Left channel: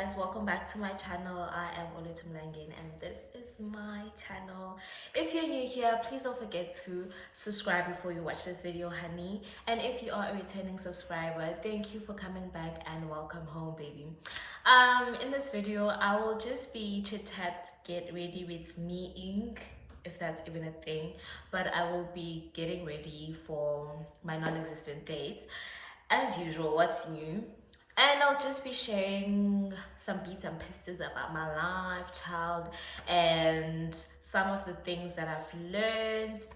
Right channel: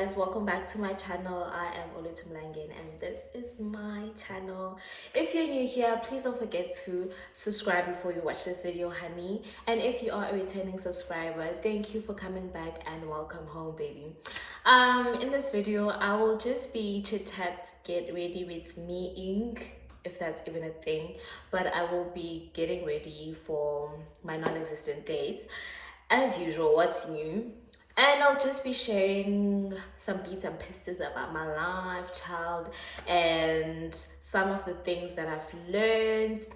guys, welcome back to my channel. I am Olwethu Mlangeni and this is my channel. If you're new here, please don't forget to subscribe before you watch this video, honey. And if you are a returning subscriber, thank you for coming back and welcome home, baby. In this video, I will just be chit-chat, get ready with me, if that's even a thing, but I will be getting ready for my non-existent date. As usual, what's new? And I'll just be sharing some bits and pieces about my life, child, and some of the things that I've learned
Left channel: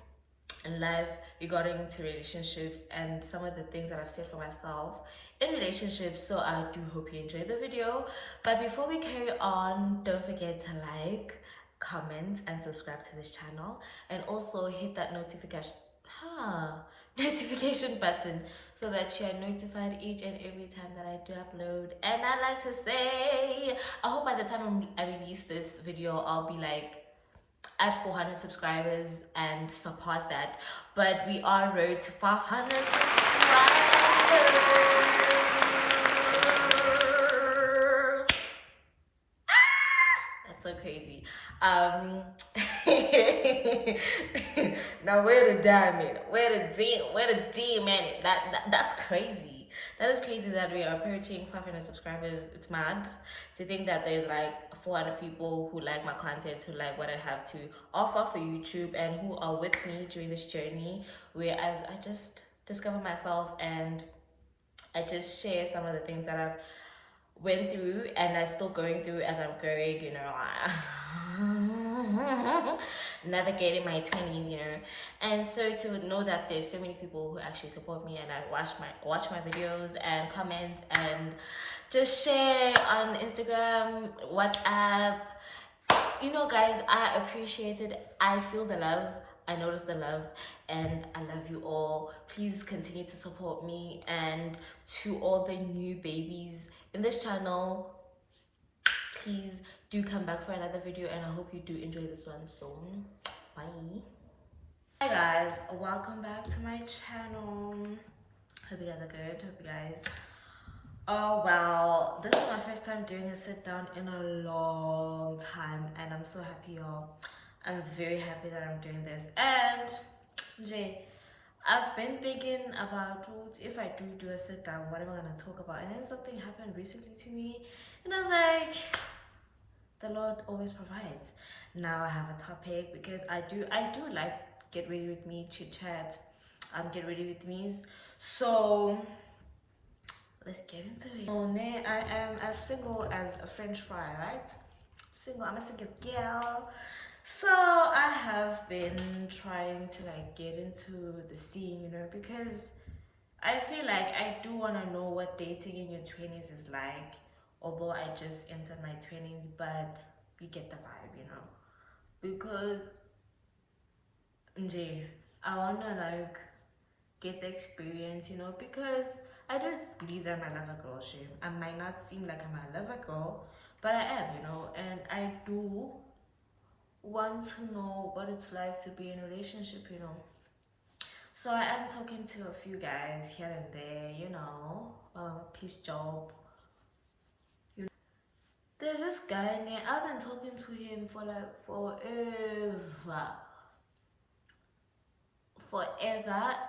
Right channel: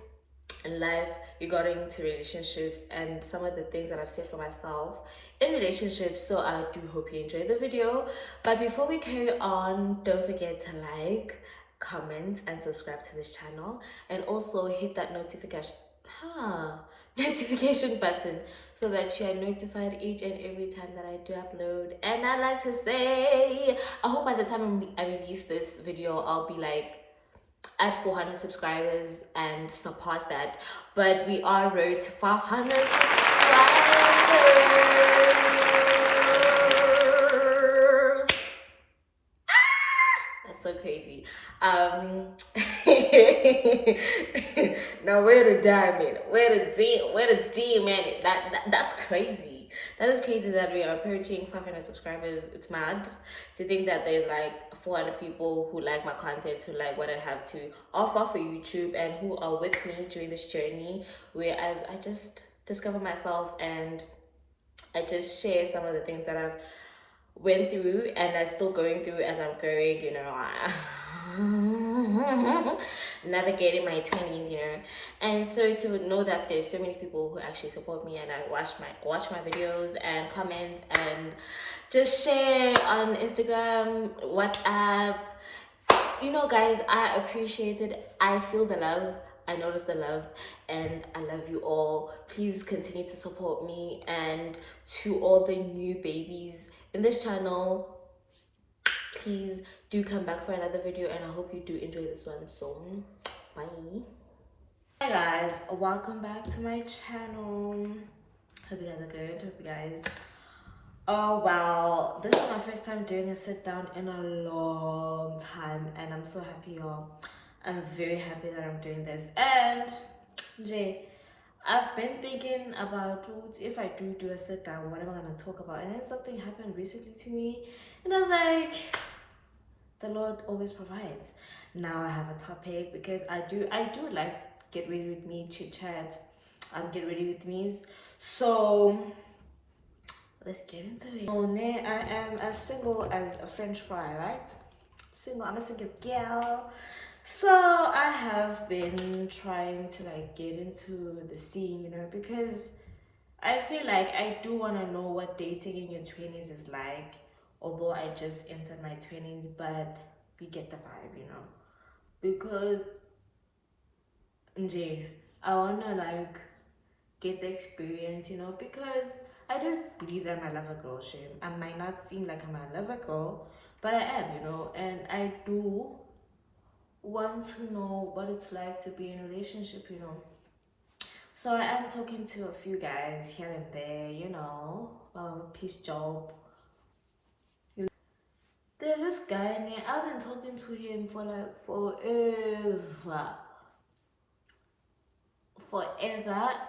in life regarding to relationships and some of the things that I've said for myself in relationships. So I do hope you enjoy the video. But before we carry on, don't forget to like, comment, and subscribe to this channel, and also hit that notification button so that you are notified each and every time that I do upload. And I like to say, I hope by the time I release this video, I'll be like at 400 subscribers and surpass that. But we are road to 500 subscribers. That's so crazy. Now where the diamond, where the demon? That's crazy. That is crazy that we are approaching 500 subscribers. It's mad to think that there's like 400 people who like my content, who like what I have to offer for YouTube, and who are with me during this journey. Whereas I just discover myself and I just share some of the things that I've went through and I'm still going through as I'm growing, you know, navigating my 20s, you know. And so to know that there's so many people who actually support me and I watch my videos and comment and just share on Instagram, WhatsApp, you know, guys, I appreciate it. I feel the love, I notice the love, and I love you all. Please continue to support me. And to all the new babies in this channel, please do come back for another video, and I hope you do enjoy this one. So bye. Hi guys, welcome back to my channel. Hope you guys are good. Hope you guys, oh wow, this is my first time doing a sit down in a long time, and I'm so happy, y'all. I'm very happy that I'm doing this. And Jay, I've been thinking about if I do a sit down, what am I gonna talk about? And then something happened recently to me, and I was like, the Lord always provides. Now I have a topic because I do like get ready with me, chit chat, get ready with me. So let's get into it. Oh, I am as single as a French fry, right? Single. I'm a single girl. So I have been trying to like get into the scene, you know, because I feel like I do want to know what dating in your 20s is like, although I just entered my 20s, but you get the vibe, you know, because I want to like get the experience, you know, because I don't believe that I'm a lover girl, shame. I might not seem like I'm a lover girl, but I am, you know, and I do want to know what it's like to be in a relationship, you know. So I am talking to a few guys here and there, you know, while I'm a peace job. There's this guy in there, I've been talking to him for like forever,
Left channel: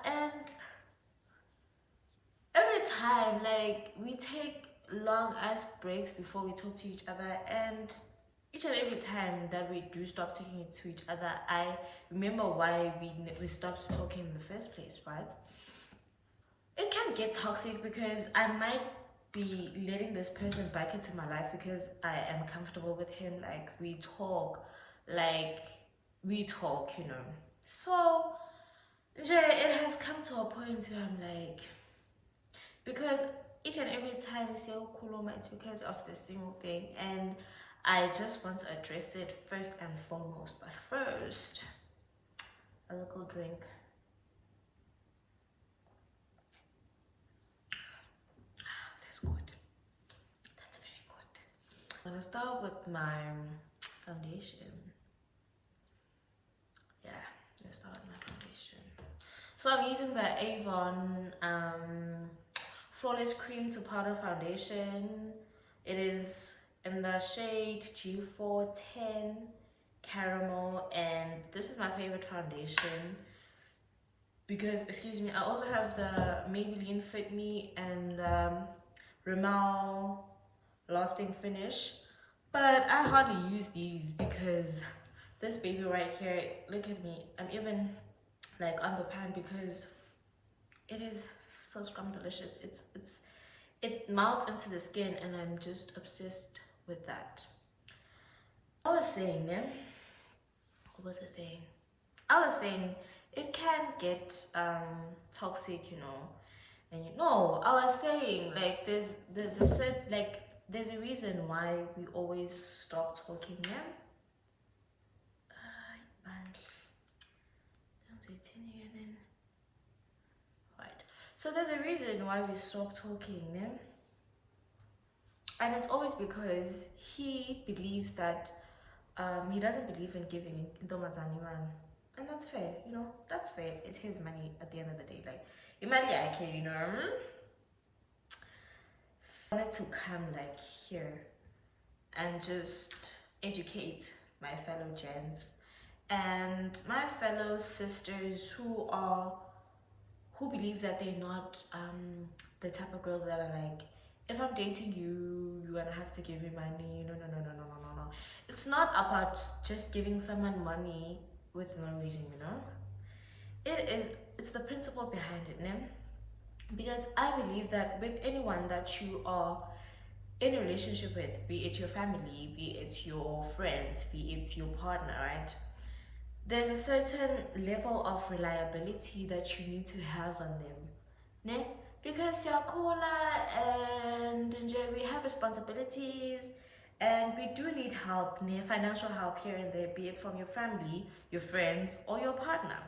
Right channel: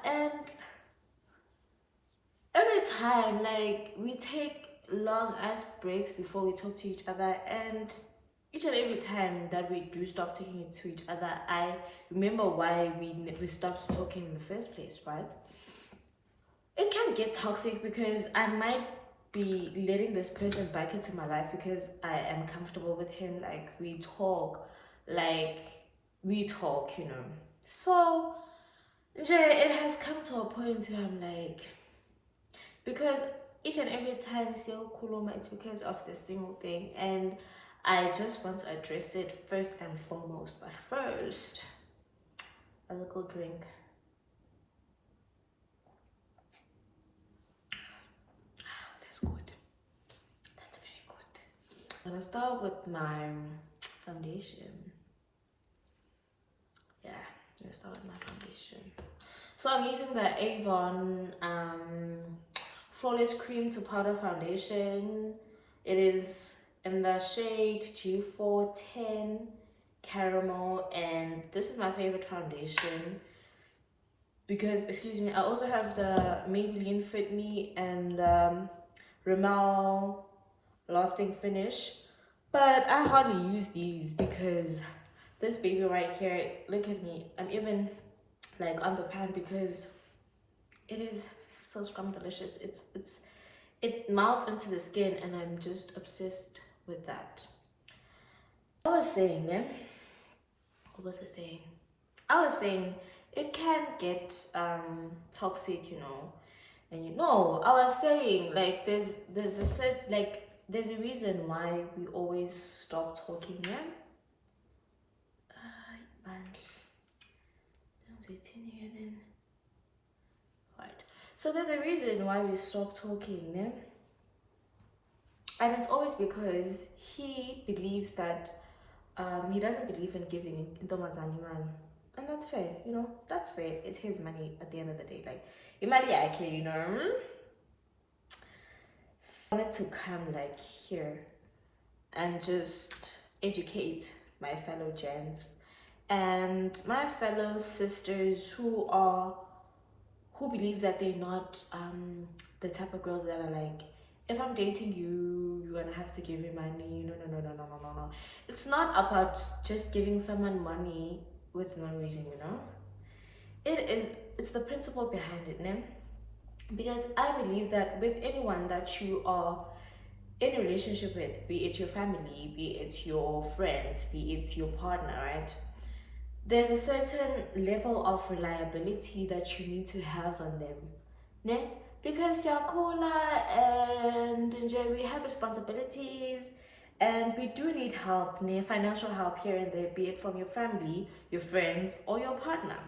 and every time like we take long ass breaks before we talk to each other, and each and every time that we do stop talking to each other, I remember why we stopped talking in the first place, right? It can get toxic because I might be letting this person back into my life because I am comfortable with him. Like we talk, you know. So it has come to a point where I'm like, because each and every time it's because of this single thing, and I just want to address it first and foremost. But first, a little drink. That's good. That's very good. I'm gonna start with my foundation. Yeah, I'm gonna start with my foundation. So I'm using the Avon Flawless Cream to Powder Foundation. It is in the shade G410 Caramel, and this is my favorite foundation because, excuse me, I also have the Maybelline Fit Me and Rimmel Lasting Finish, but I hardly use these because this baby right here, look at me, I'm even like on the pan because it is so scrum delicious. It melts into the skin, and I'm just obsessed with that. I was saying, yeah, what was I saying? I was saying it can get toxic, and I was saying like there's a set like there's a reason why we always stop talking, yeah. Right. So there's a reason why we stop talking, yeah? And it's always because he believes that he doesn't believe in giving in Tomazani man. And that's fair, that's fair. It's his money at the end of the day. Like, imagine, I wanted to come like here and just educate my fellow gents and my fellow sisters who believe that they're not the type of girls that are like, if I'm dating you, you're gonna have to give me money. No. It's not about just giving someone money with no reason, it's the principle behind it, né? Because I believe that with anyone that you are in a relationship with, be it your family, be it your friends, be it your partner, right? There's a certain level of reliability that you need to have on them, ne? Because yakola and we have responsibilities and we do need help, ne? Financial help here and there, be it from your family, your friends, or your partner.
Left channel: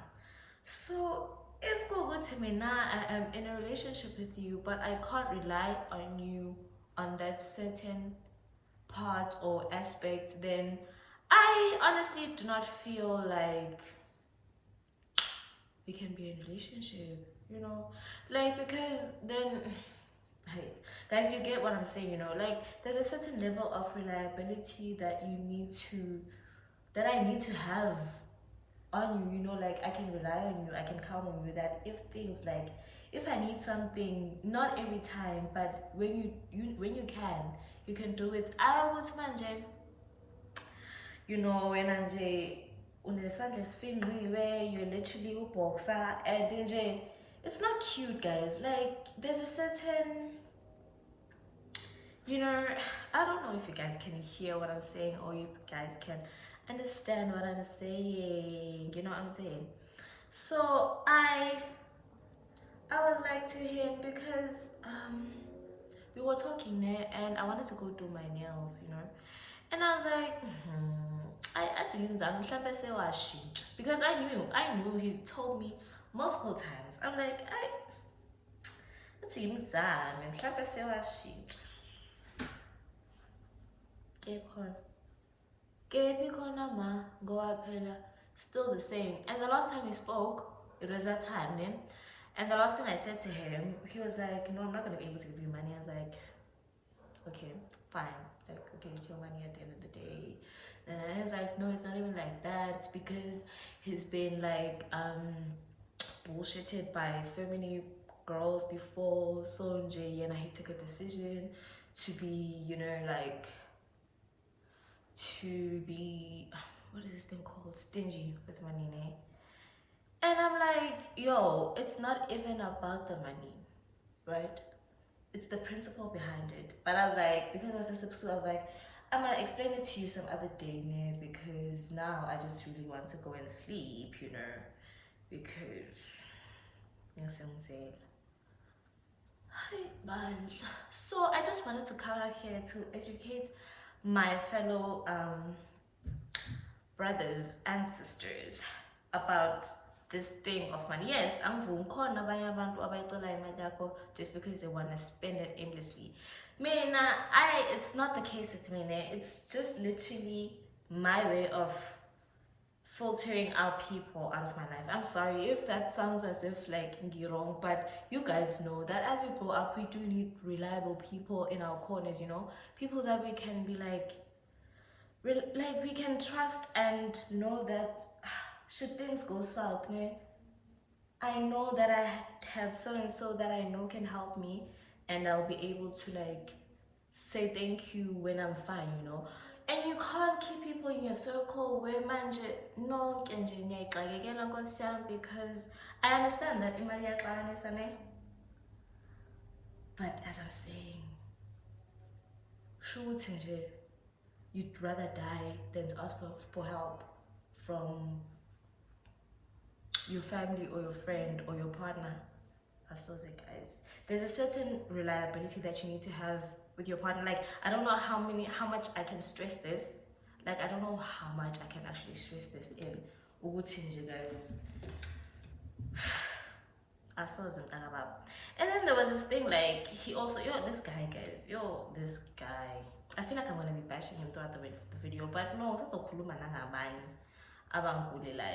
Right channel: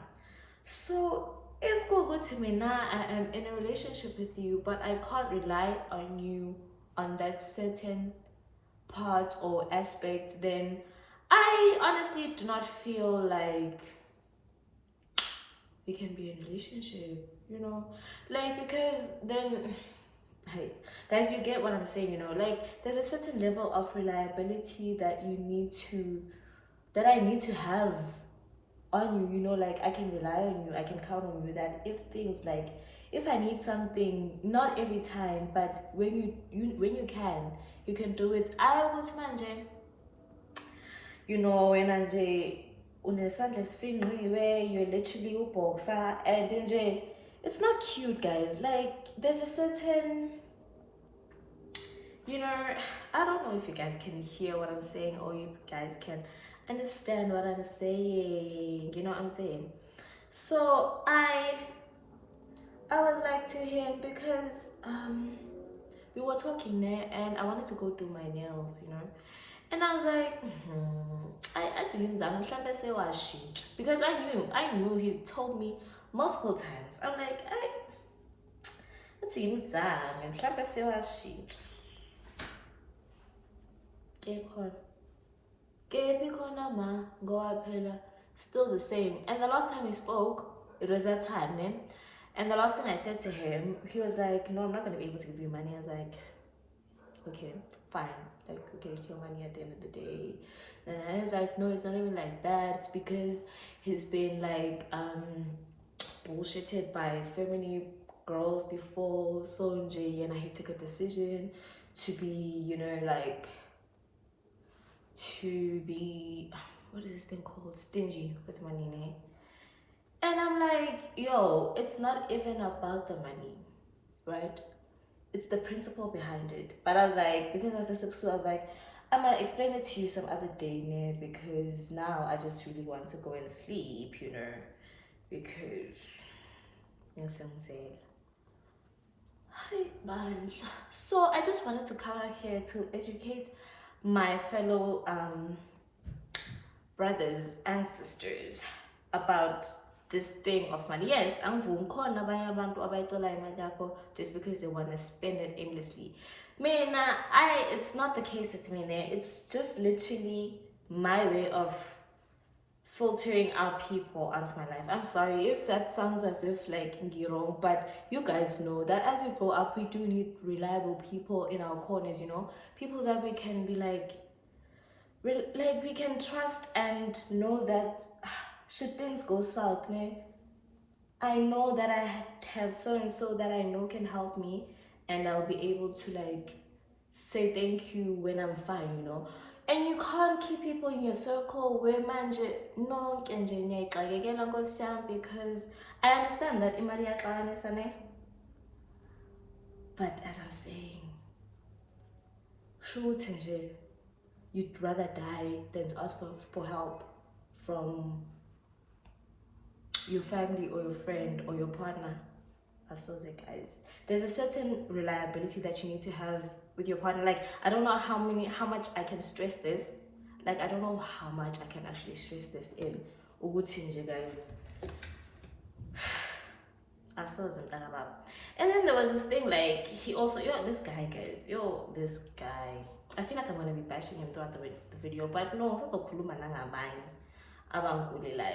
So if go good to me now, I am in a relationship with you, but I can't rely on you on that certain part or aspect, then I honestly do not feel like we can be in a relationship, like, because then, hey, guys, you get what I'm saying, like, there's a certain level of reliability that I need to have on you, like, I can rely on you, I can count on you, that if things like, if I need something, not every time, but when you can do it. I would manje, when anje unesandla esifingqiwe where you're literally a boxer, and nje it's not cute, guys. Like, there's a certain, I don't know if you guys can hear what I'm saying or if you guys can understand what I'm saying, you know what I'm saying? So I was like to him because we were talking there and I wanted to go do my nails, and I was like, I told him that because I knew he told me multiple times. I'm like, I told him still the same. And the last time we spoke, it was that time, né? And the last thing I said to him, he was like, no, I'm not gonna be able to give you money. I was like, okay, fine, like, okay, it's your money at the end of the day. And I was like, no, it's not even like that. It's because he's been like bullshitted by so many girls before, so and he took a decision to be, like, to be, what is this thing called, stingy with money, né? And I'm like, yo, it's not even about the money, right? It's the principle behind it. But I was like, because I was like, I'm gonna explain it to you some other day, né? Because now I just really want to go and sleep, because so I just wanted to come out here to educate my fellow brothers and sisters about this thing of money. Yes, just because they want to spend it aimlessly. It's not the case with me. It's just literally my way of filtering out people out of my life. I'm sorry if that sounds as if like wrong, but you guys know that as we grow up, we do need reliable people in our corners, you know, people that we can be like we can trust and know that should things go south, ne? I know that I have so and so that I know can help me, and I'll be able to like say thank you when I'm fine, you know. And you can't keep people in your circle where manje no because I understand that imali iyaxabanisa ne, but as I'm saying, shoot nje, you'd rather die than to ask for help from your family or your friend or your partner. So guys, there's a certain reliability that you need to have with your partner. Like, I don't know how much I can stress this. Like, I don't know how much I can actually stress this in Ugutinje, guys. I saw them talk about. And then there was this thing like he also this guy, guys, this guy. I feel like I'm gonna be bashing him throughout the video, but no,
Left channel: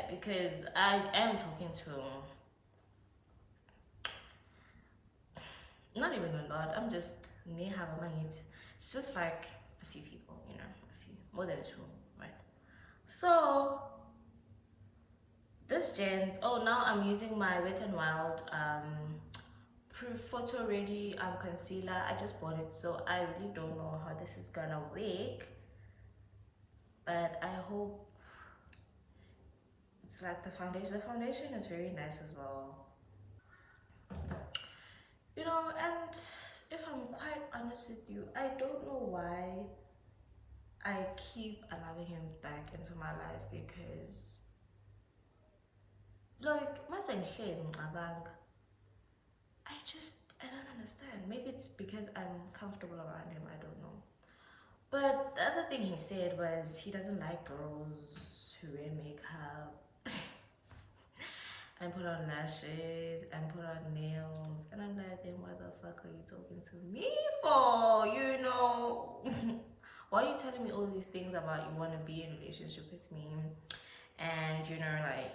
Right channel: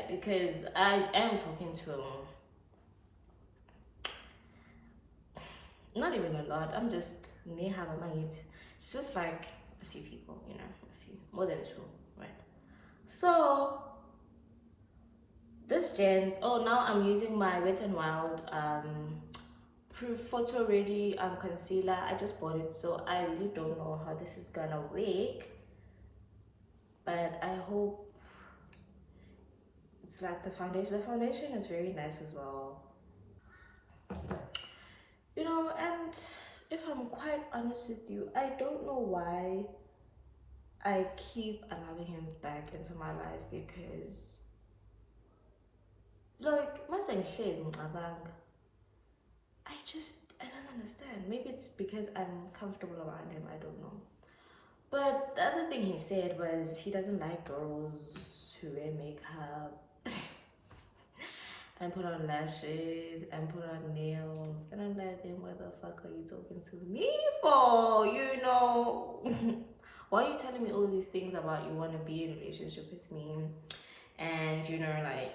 because I am talking to him. Not even a lot. I'm just it's just like a few people, you know, a few, more than two, right? So this gent, now I'm using my Wet n Wild proof photo ready concealer. I just bought it, so I really don't know how this is gonna work, but I hope it's like the foundation is very nice as well, you know. And if I'm quite honest with you, I don't know why I keep allowing him back into my life, because like I don't understand. Maybe it's because I'm comfortable around him, I don't know. But the other thing he said was he doesn't like girls who wear makeup and put on lashes and put on nails. And I'm like, then what the fuck are you talking to me for? You know? Why are you telling me all these things about you want to be in a relationship with me? And, you know, like,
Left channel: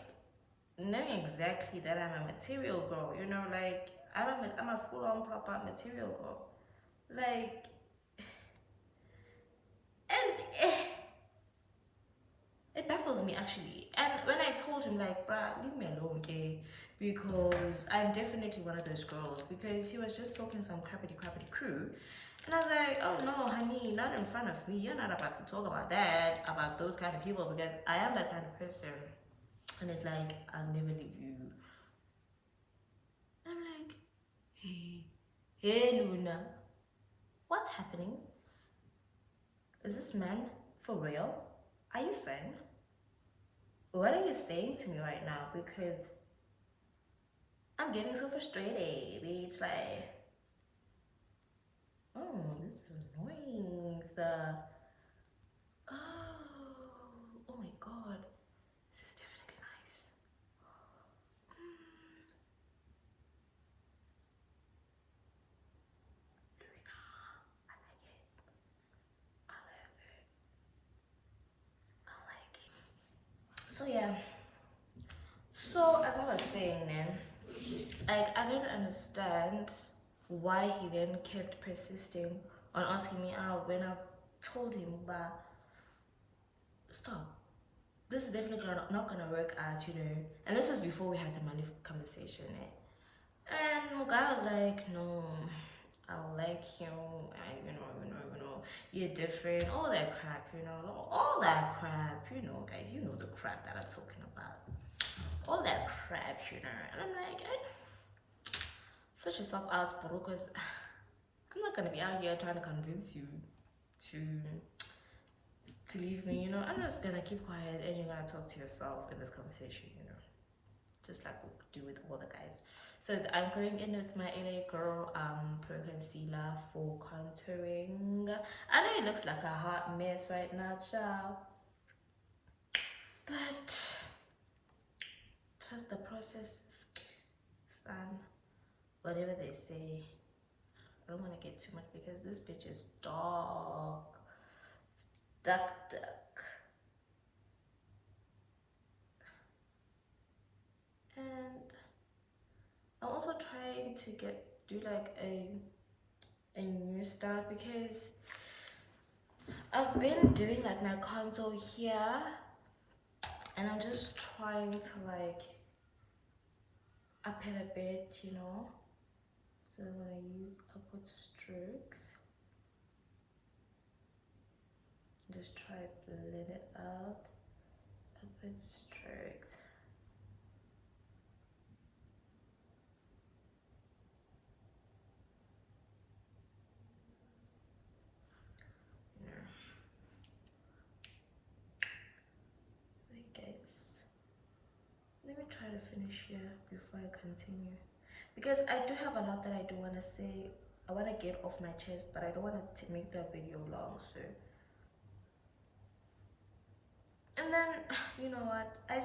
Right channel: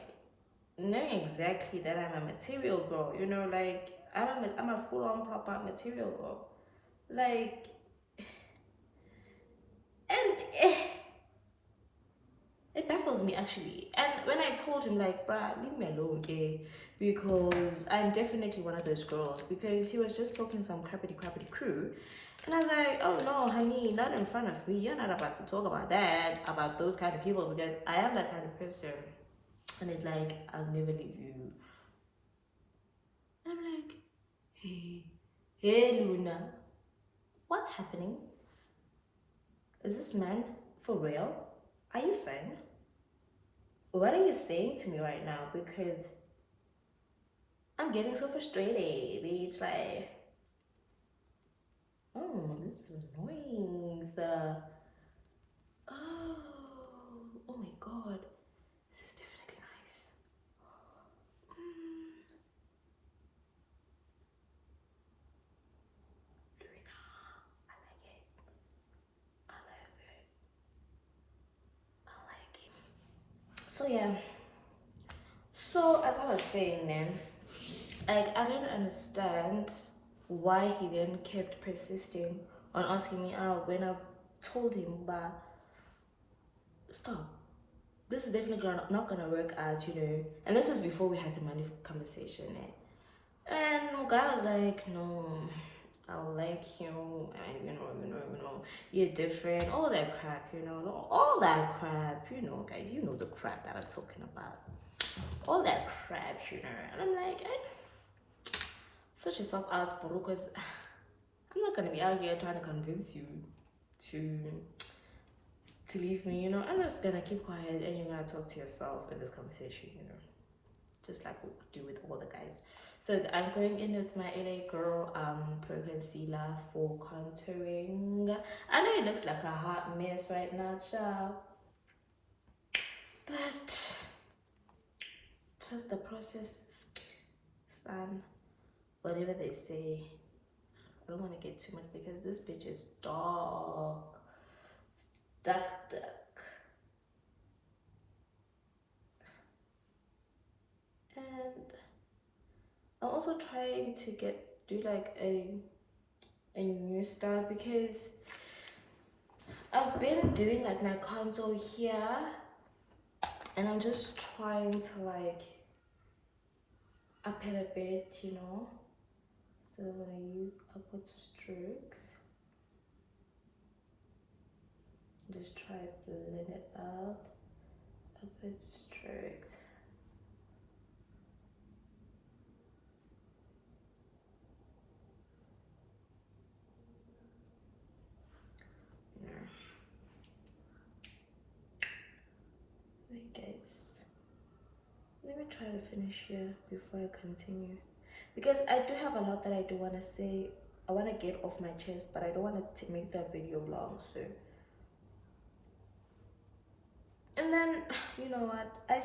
knowing exactly that I'm a material girl, you know, like, I'm a full-on proper material girl. Like, and it baffles me actually. And when I told him like, bruh, leave me alone, okay? Because I'm definitely one of those girls. Because he was just talking some crappity crew. And I was like, oh no, honey, not in front of me. You're not about to talk about that, about those kind of people, because I am that kind of person. And it's like, I'll never leave you. And I'm like, hey Luna, what's happening? Is this man for real? Are you saying? What are you saying to me right now? Because I'm getting so frustrated, bitch. Like, this is annoying. Oh my god. This is definitely nice. Luna, I like it. I love it. I like it. So yeah. So as I was saying then, like, I didn't understand why he then kept persisting on asking me out when I've told him, but stop. This is definitely not gonna work out, you know. And this was before we had the money conversation. And my guy was like, no, I like you, and you know, you're different, all that crap, you know, all that crap, you know, guys, you know the crap that I'm talking about. All that crap, you know. And I'm like, sort yourself out, bro, because I'm not gonna be out here trying to convince you to leave me, you know. I'm just gonna keep quiet and you're gonna talk to yourself in this conversation, you know, just like we do with all the guys. So I'm going in with my LA Girl Pro Concealer for contouring. I know it looks like a hot mess right now, child, but just the process, son. Whatever they say, I don't want to get too much because this bitch is dark. Duck. I'm also trying to do like a new style, because I've been doing like my contour here, and I'm just trying to like up it a bit, you know. So I'm gonna use upward strokes. Just try to blend it out. Upward strokes. Yeah. Wait, guys. Let me try to finish here before I continue, because I do have a lot that I do want to say. I want to get off my chest, but I don't want to make that video long. So, and then you know what? I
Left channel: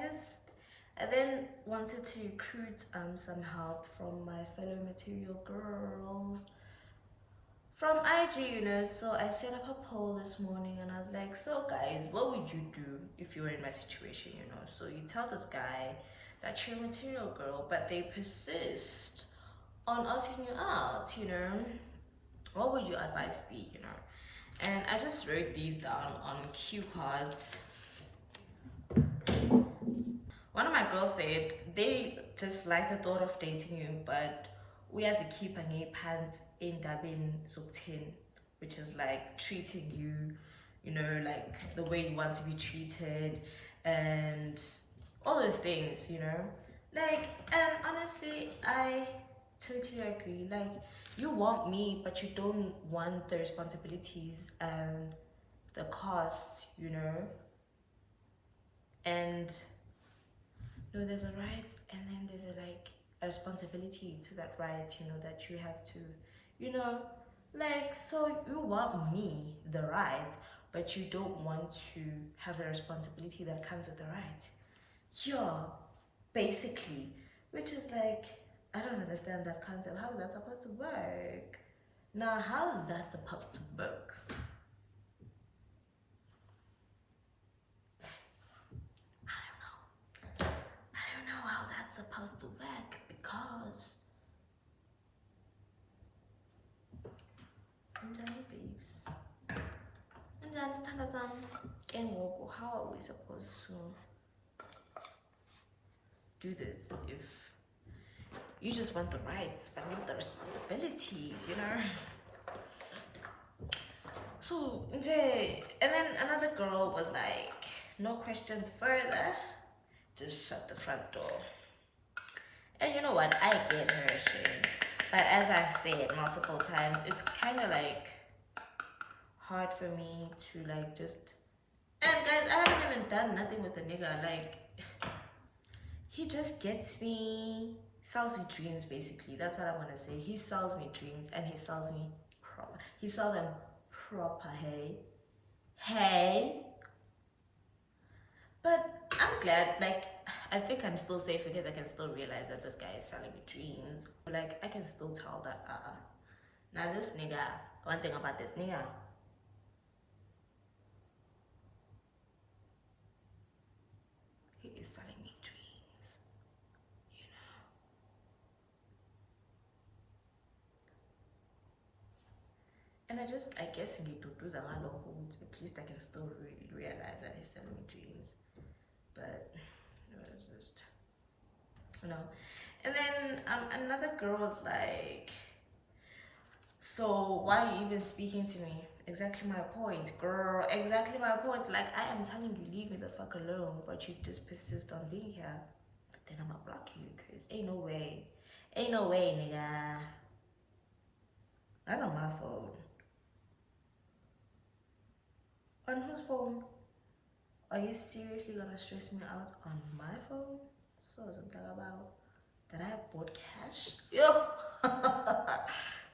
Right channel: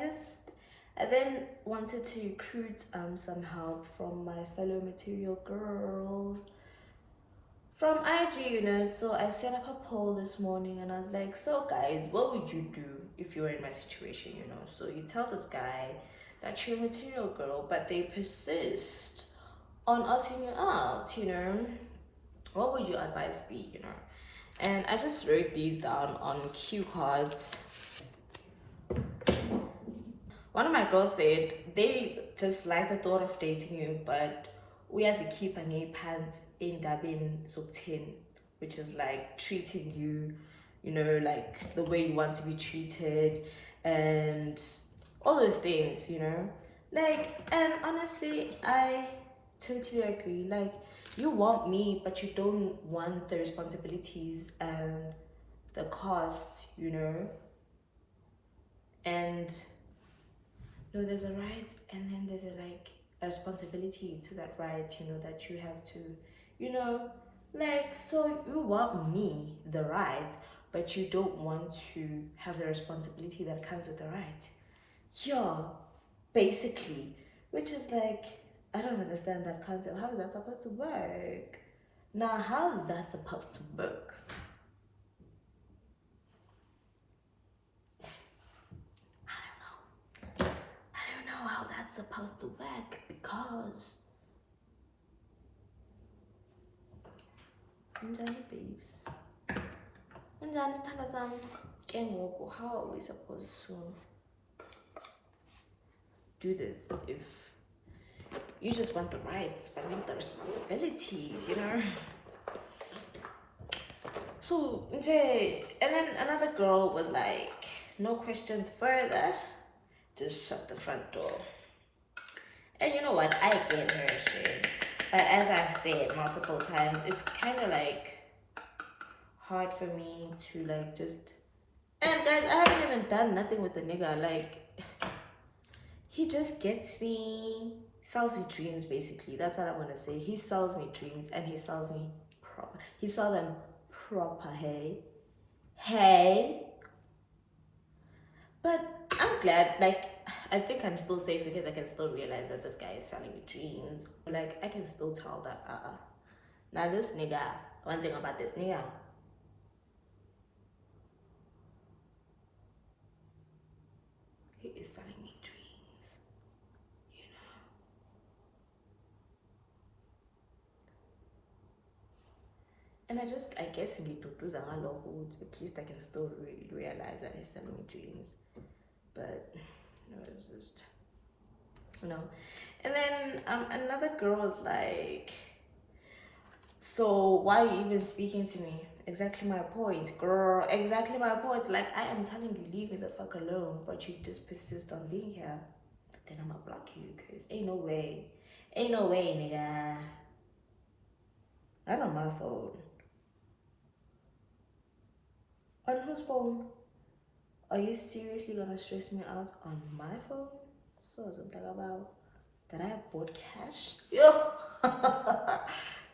then wanted to recruit some help from my fellow material girls from IG, you know. So I set up a poll this morning, and I was like, so guys, what would you do if you were in my situation, you know? So you tell this guy that you're a material girl, but they persist on asking you out, you know. What would your advice be, you know? And I just wrote these down on cue cards. One of my girls said they just like the thought of dating you, but we as a keep and pants in Dabin Subtin, which is like treating you, you know, like the way you want to be treated and all those things, you know. Like, and honestly, I totally agree. Like, you want me, but you don't want the responsibilities and the costs, you know. And no, there's a right, and then there's a responsibility to that right, you know, that you have to, you know, like, so you want me, the right, but you don't want to have the responsibility that comes with the right. Yeah, basically, which is like, I don't understand that concept. How is that supposed to work? Now, how is that supposed to work? I don't know how that's supposed to work, because Njani babes. Njani sithanda sami. Ke ngoku, how are we supposed to do this if you just want the rights but not the responsibilities, you know? So, and then another girl was like, no questions further, just shut the front door. And you know what? I get her shit. But as I've said multiple times, it's kind of like hard for me to like just. And guys, I haven't even done nothing with the nigga. Like, he just gets me, sells me dreams, basically. That's what I'm gonna say. He sells me dreams, and he sells me proper. He sells them proper, hey? Hey? But I'm glad, like, I think I'm still safe because I can still realize that this guy is selling me dreams. Like, I can still tell that, now this nigga, one thing about this nigga, he is selling me dreams, you know. And I guess at least I can still realize that he's selling me dreams. But no, it's just, you know. And then another girl was like, so why are you even speaking to me? Exactly my point, girl. Exactly my point. Like, I am telling you, leave me the fuck alone, but you just persist on being here. Then I'ma block you, cause ain't no way, nigga. Not on my phone. On whose phone? Are you seriously gonna stress me out on my phone? So I'm talking about that I bought cash. Yo,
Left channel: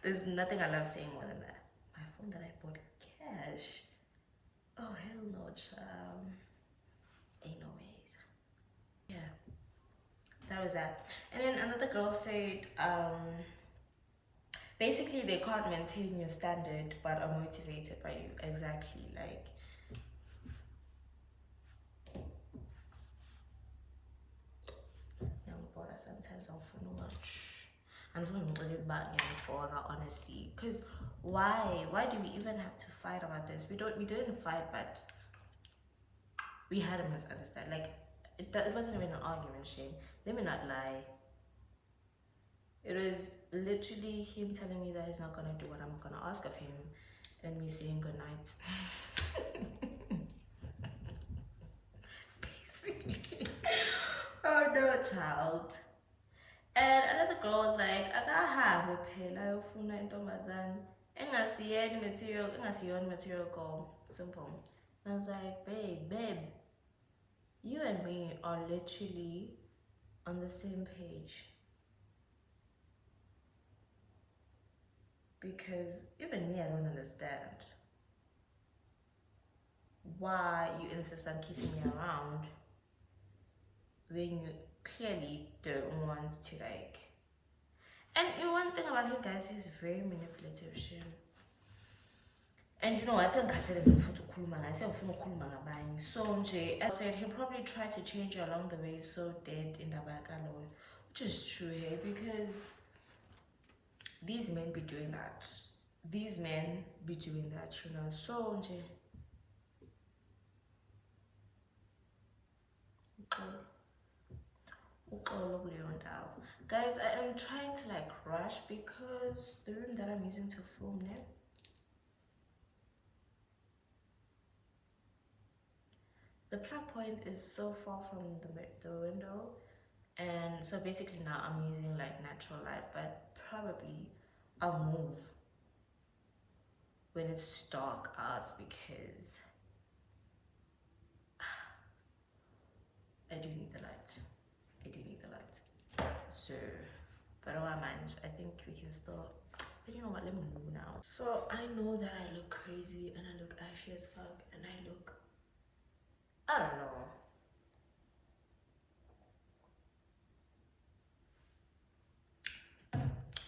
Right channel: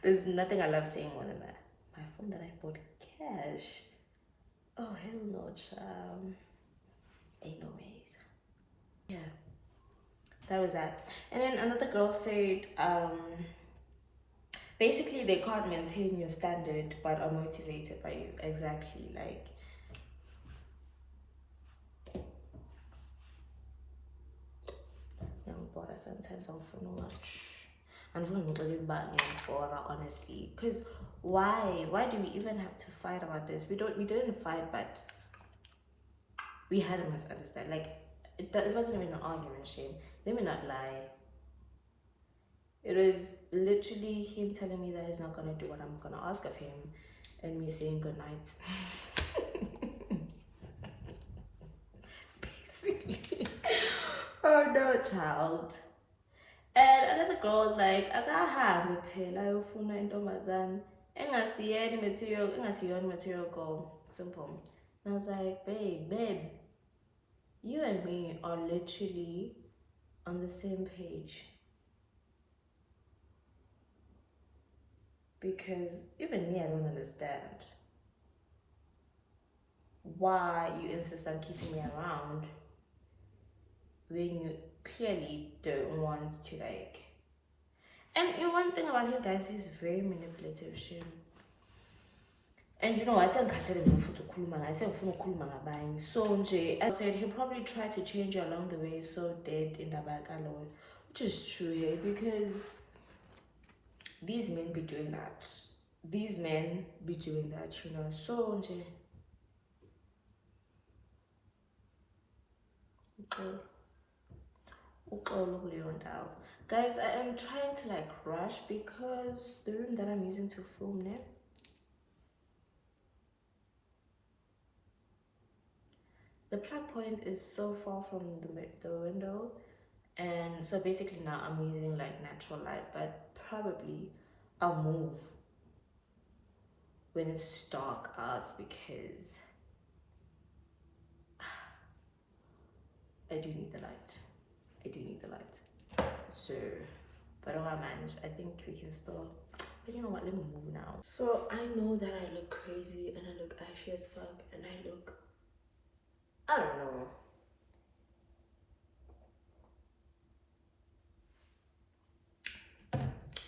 there's nothing I love saying more than that. My phone that I bought cash. Oh hell no, child. Ain't no ways. Yeah, that was that. And then another girl said, basically they can't maintain your standard but are motivated by you. Exactly, like. Young brother, sometimes I'm for no much. And honestly, because why do we even have to fight about this? We didn't fight, but we had a misunderstanding. Like it wasn't even an argument, shame. Let me not lie. It was literally him telling me that he's not gonna do what I'm gonna ask of him, and me saying good night. Basically. Oh no, child. And another girl was like, akahambe phela ayofuna intombazane engasiyeni material girl. Simple. And I was like, babe, you and me are literally on the same page. Because even me, I don't understand why you insist on keeping me around when you clearly don't want to, like. And you know, one thing about him, guys, he's very manipulative. And you know what? So I said he'll probably try to change you along the way, so dead in the back alone, which is true, hey, because these men be doing that. These men be doing that, you know. So guys, I am trying to like rush because the room that I'm using to film now, the plug point is so far from the window, and so basically now I'm using like natural light, but probably I'll move when it's dark out because I do need the light. So, but oh man, I think we can still. But you know what? Let me move now. So I know that I look crazy and I look ashy as fuck, and I look, I don't know.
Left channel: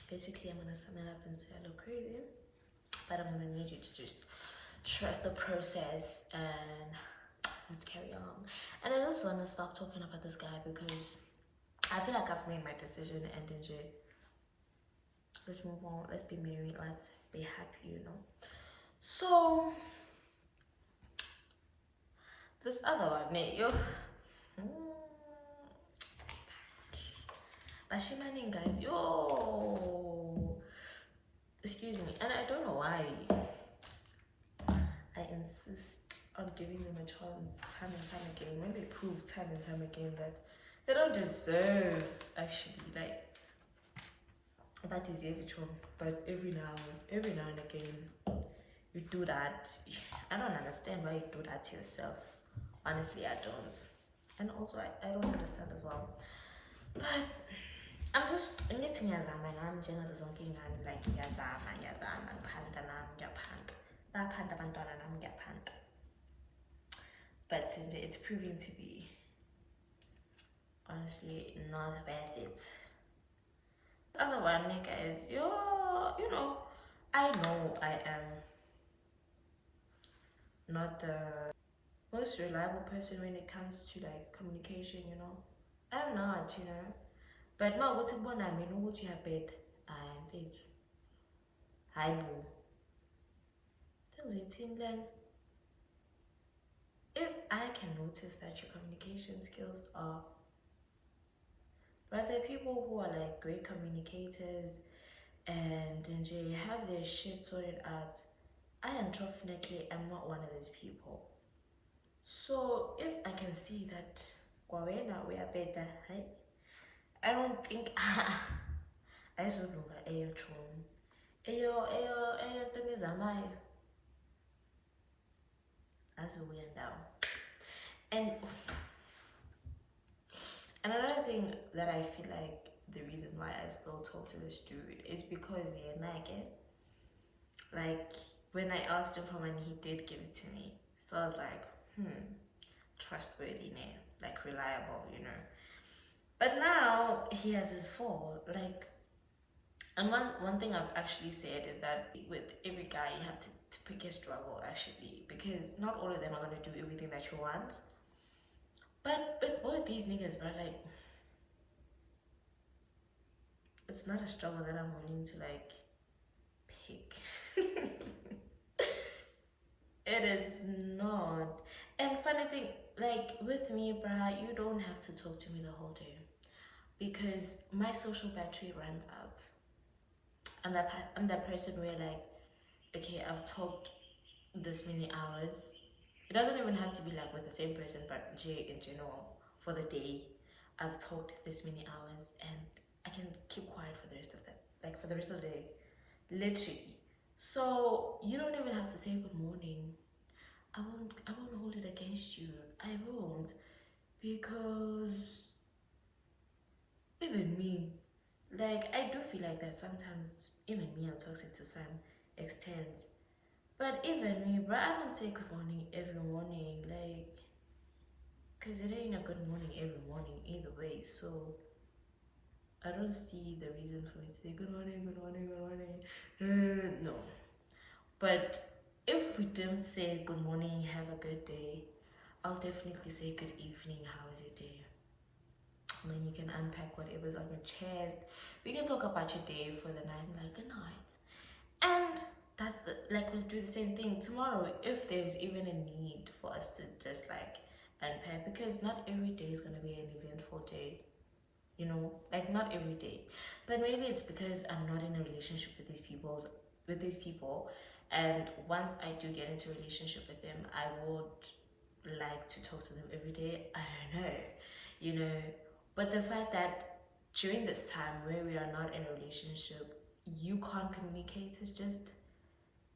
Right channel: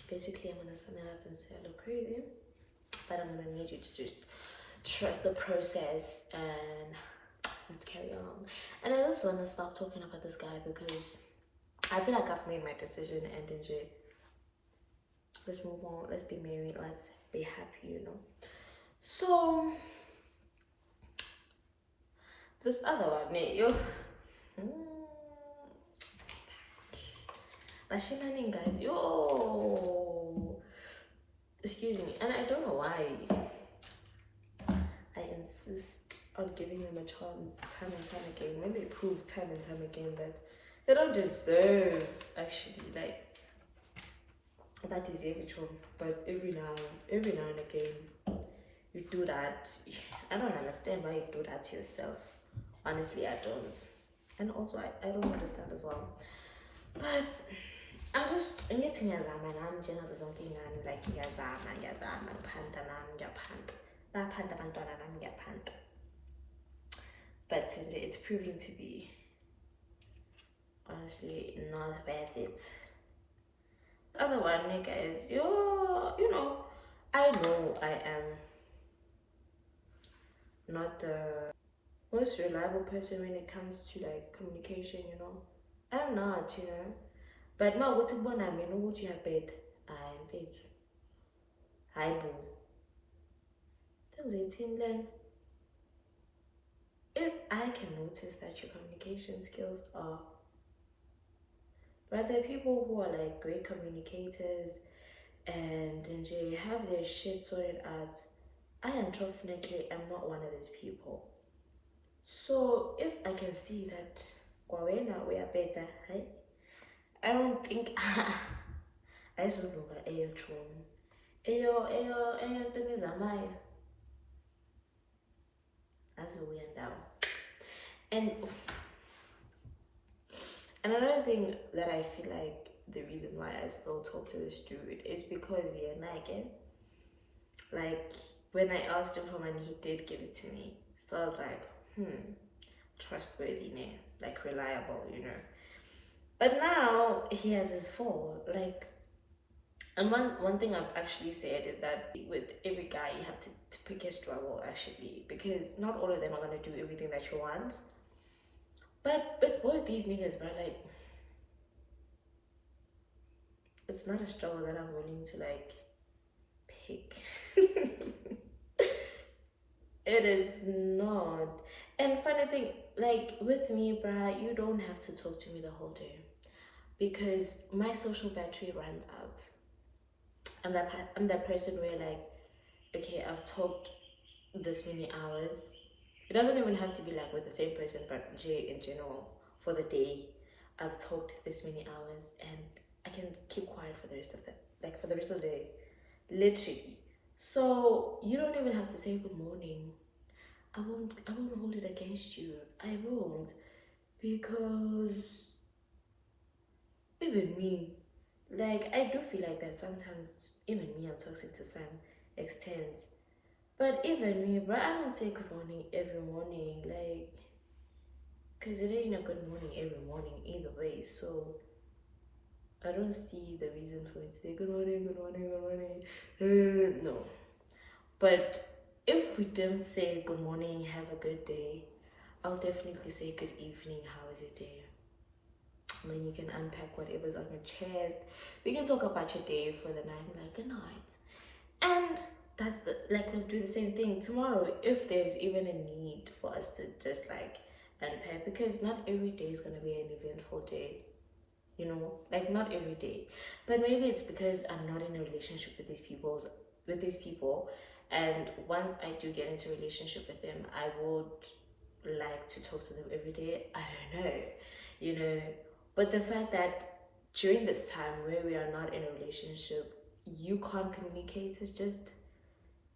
Basically, I'm gonna sum it up and say I look crazy, but I'm gonna need you to just trust the process and let's carry on. And I just wanna stop talking about this guy because I feel like I've made my decision, and then let's move on. Let's be married. Let's be happy, you know. So this other one, yo. Bashimaning, guys, yo. Excuse me, and I don't know why I insist on giving them a chance time and time again. When they prove time and time again that they don't deserve, actually, like, that is but every now and again you do that. I don't understand why you do that to yourself. Honestly, I don't. And also I don't understand as well. But I'm just ngithi ngiyazama nami njengazo zonke ingane, like ngiyazama ngiphanda nami ngiyaphanda baphanda abantwana nami ngiyaphanda. But it's proving to be honestly not worth it. The other one, guys, you know, I know I am not the most reliable person when it comes to like communication, you know. I'm not, you know. But ma ukuthi kubona mina ukuthi uyabheda, hayi mfethu, hayi bo, things then. If I can notice that your communication skills are, but there are people who are like great communicators and they have their shit sorted out. I unfortunately am not one of those people. So if I can see that kwawena we are better, right? I don't think I should look at ayo chum. Ayo thing is amai. As a weird now. And another thing that I feel like the reason why I still talk to this dude is because like when I asked him for money, he did give it to me. So I was like, trustworthy, like reliable, you know. But now he has his fall, like. And one thing I've actually said is that with every guy, you have to pick your struggle, actually, because not all of them are gonna do everything that you want. But with both these niggas, bro, like, it's not a struggle that I'm willing to like pick. It is not. And funny thing, like with me, bruh, you don't have to talk to me the whole day because my social battery runs out. I'm that person where like, okay, I've talked this many hours. It doesn't even have to be like with the same person, but in general, for the day, I've talked this many hours and I can keep quiet for the rest of the like for the rest of the day, literally. So you don't even have to say good morning. I won't hold it against you. I won't, because even me, like I do feel like that sometimes. Even me, I'm toxic to some extent. But even me, bro, I don't say good morning every morning, like, cause it ain't a good morning every morning either way. So I don't see the reason for me to say good morning, good morning, good morning. No. But if we don't say good morning, have a good day, I'll definitely say good evening, how is your day? And then you can unpack whatever's on your chest. We can talk about your day for the night, like good night. And that's like we'll do the same thing tomorrow if there's even a need for us to just like unpack, because not every day is gonna be an eventful day, you know, like not every day. But maybe it's because I'm not in a relationship with these people, and once I do get into a relationship with them, I would like to talk to them every day. I don't know, you know. But the fact that during this time where we are not in a relationship, you can't communicate is just,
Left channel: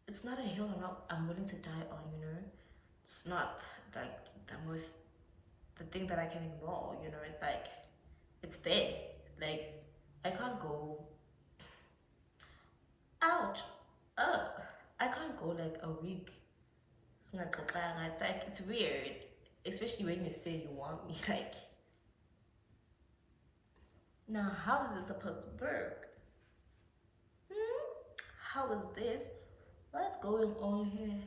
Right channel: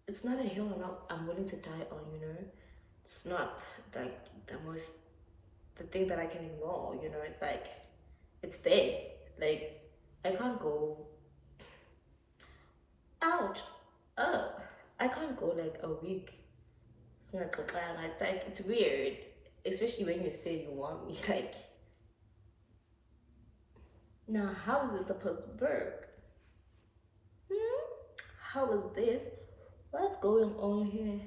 it's not a hill I'm willing to die on, you know. It's not like the thing that I can ignore, you know. It's like it's there. Like I can't go, ouch, I can't go like a week. It's like it's weird, especially when you say you want me. Like, now how is this supposed to work? How is this? What's going on here?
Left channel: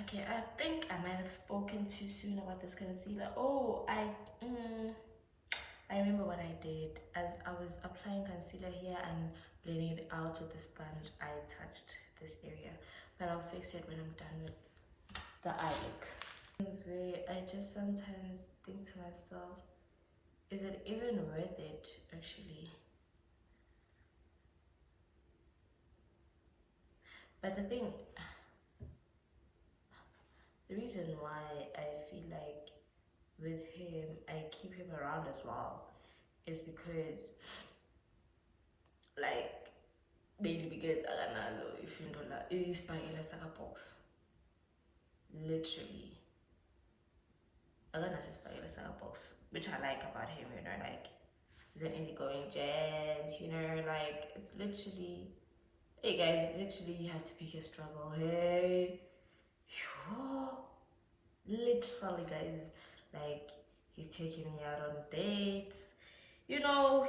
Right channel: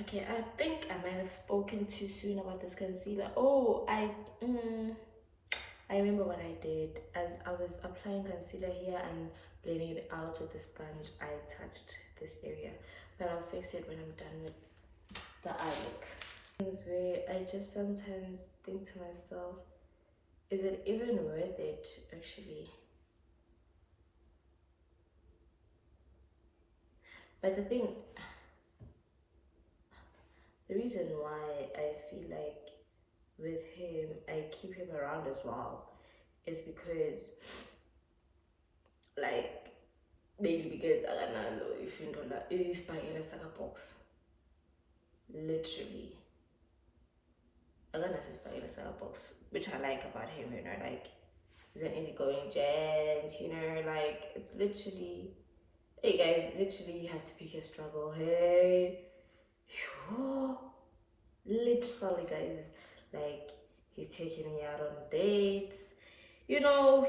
Okay, I think I might have spoken too soon about this concealer. Oh, I remember what I did. As I was applying concealer here and blending it out with the sponge, I touched this area. But I'll fix it when I'm done with the eye look. Things where I just sometimes think to myself, is it even worth it actually? But the reason why I feel like with him, I keep him around as well, is because, like, mainly because akanalo ifindo la isibhakela saka box. Literally, akanaso isibhakela saka box, which I like about him, you know, like he's an easygoing gent, you know, like it's literally, hey guys, literally you have to pick your struggle. Hey, literally guys, like he's taking me out on dates, you know,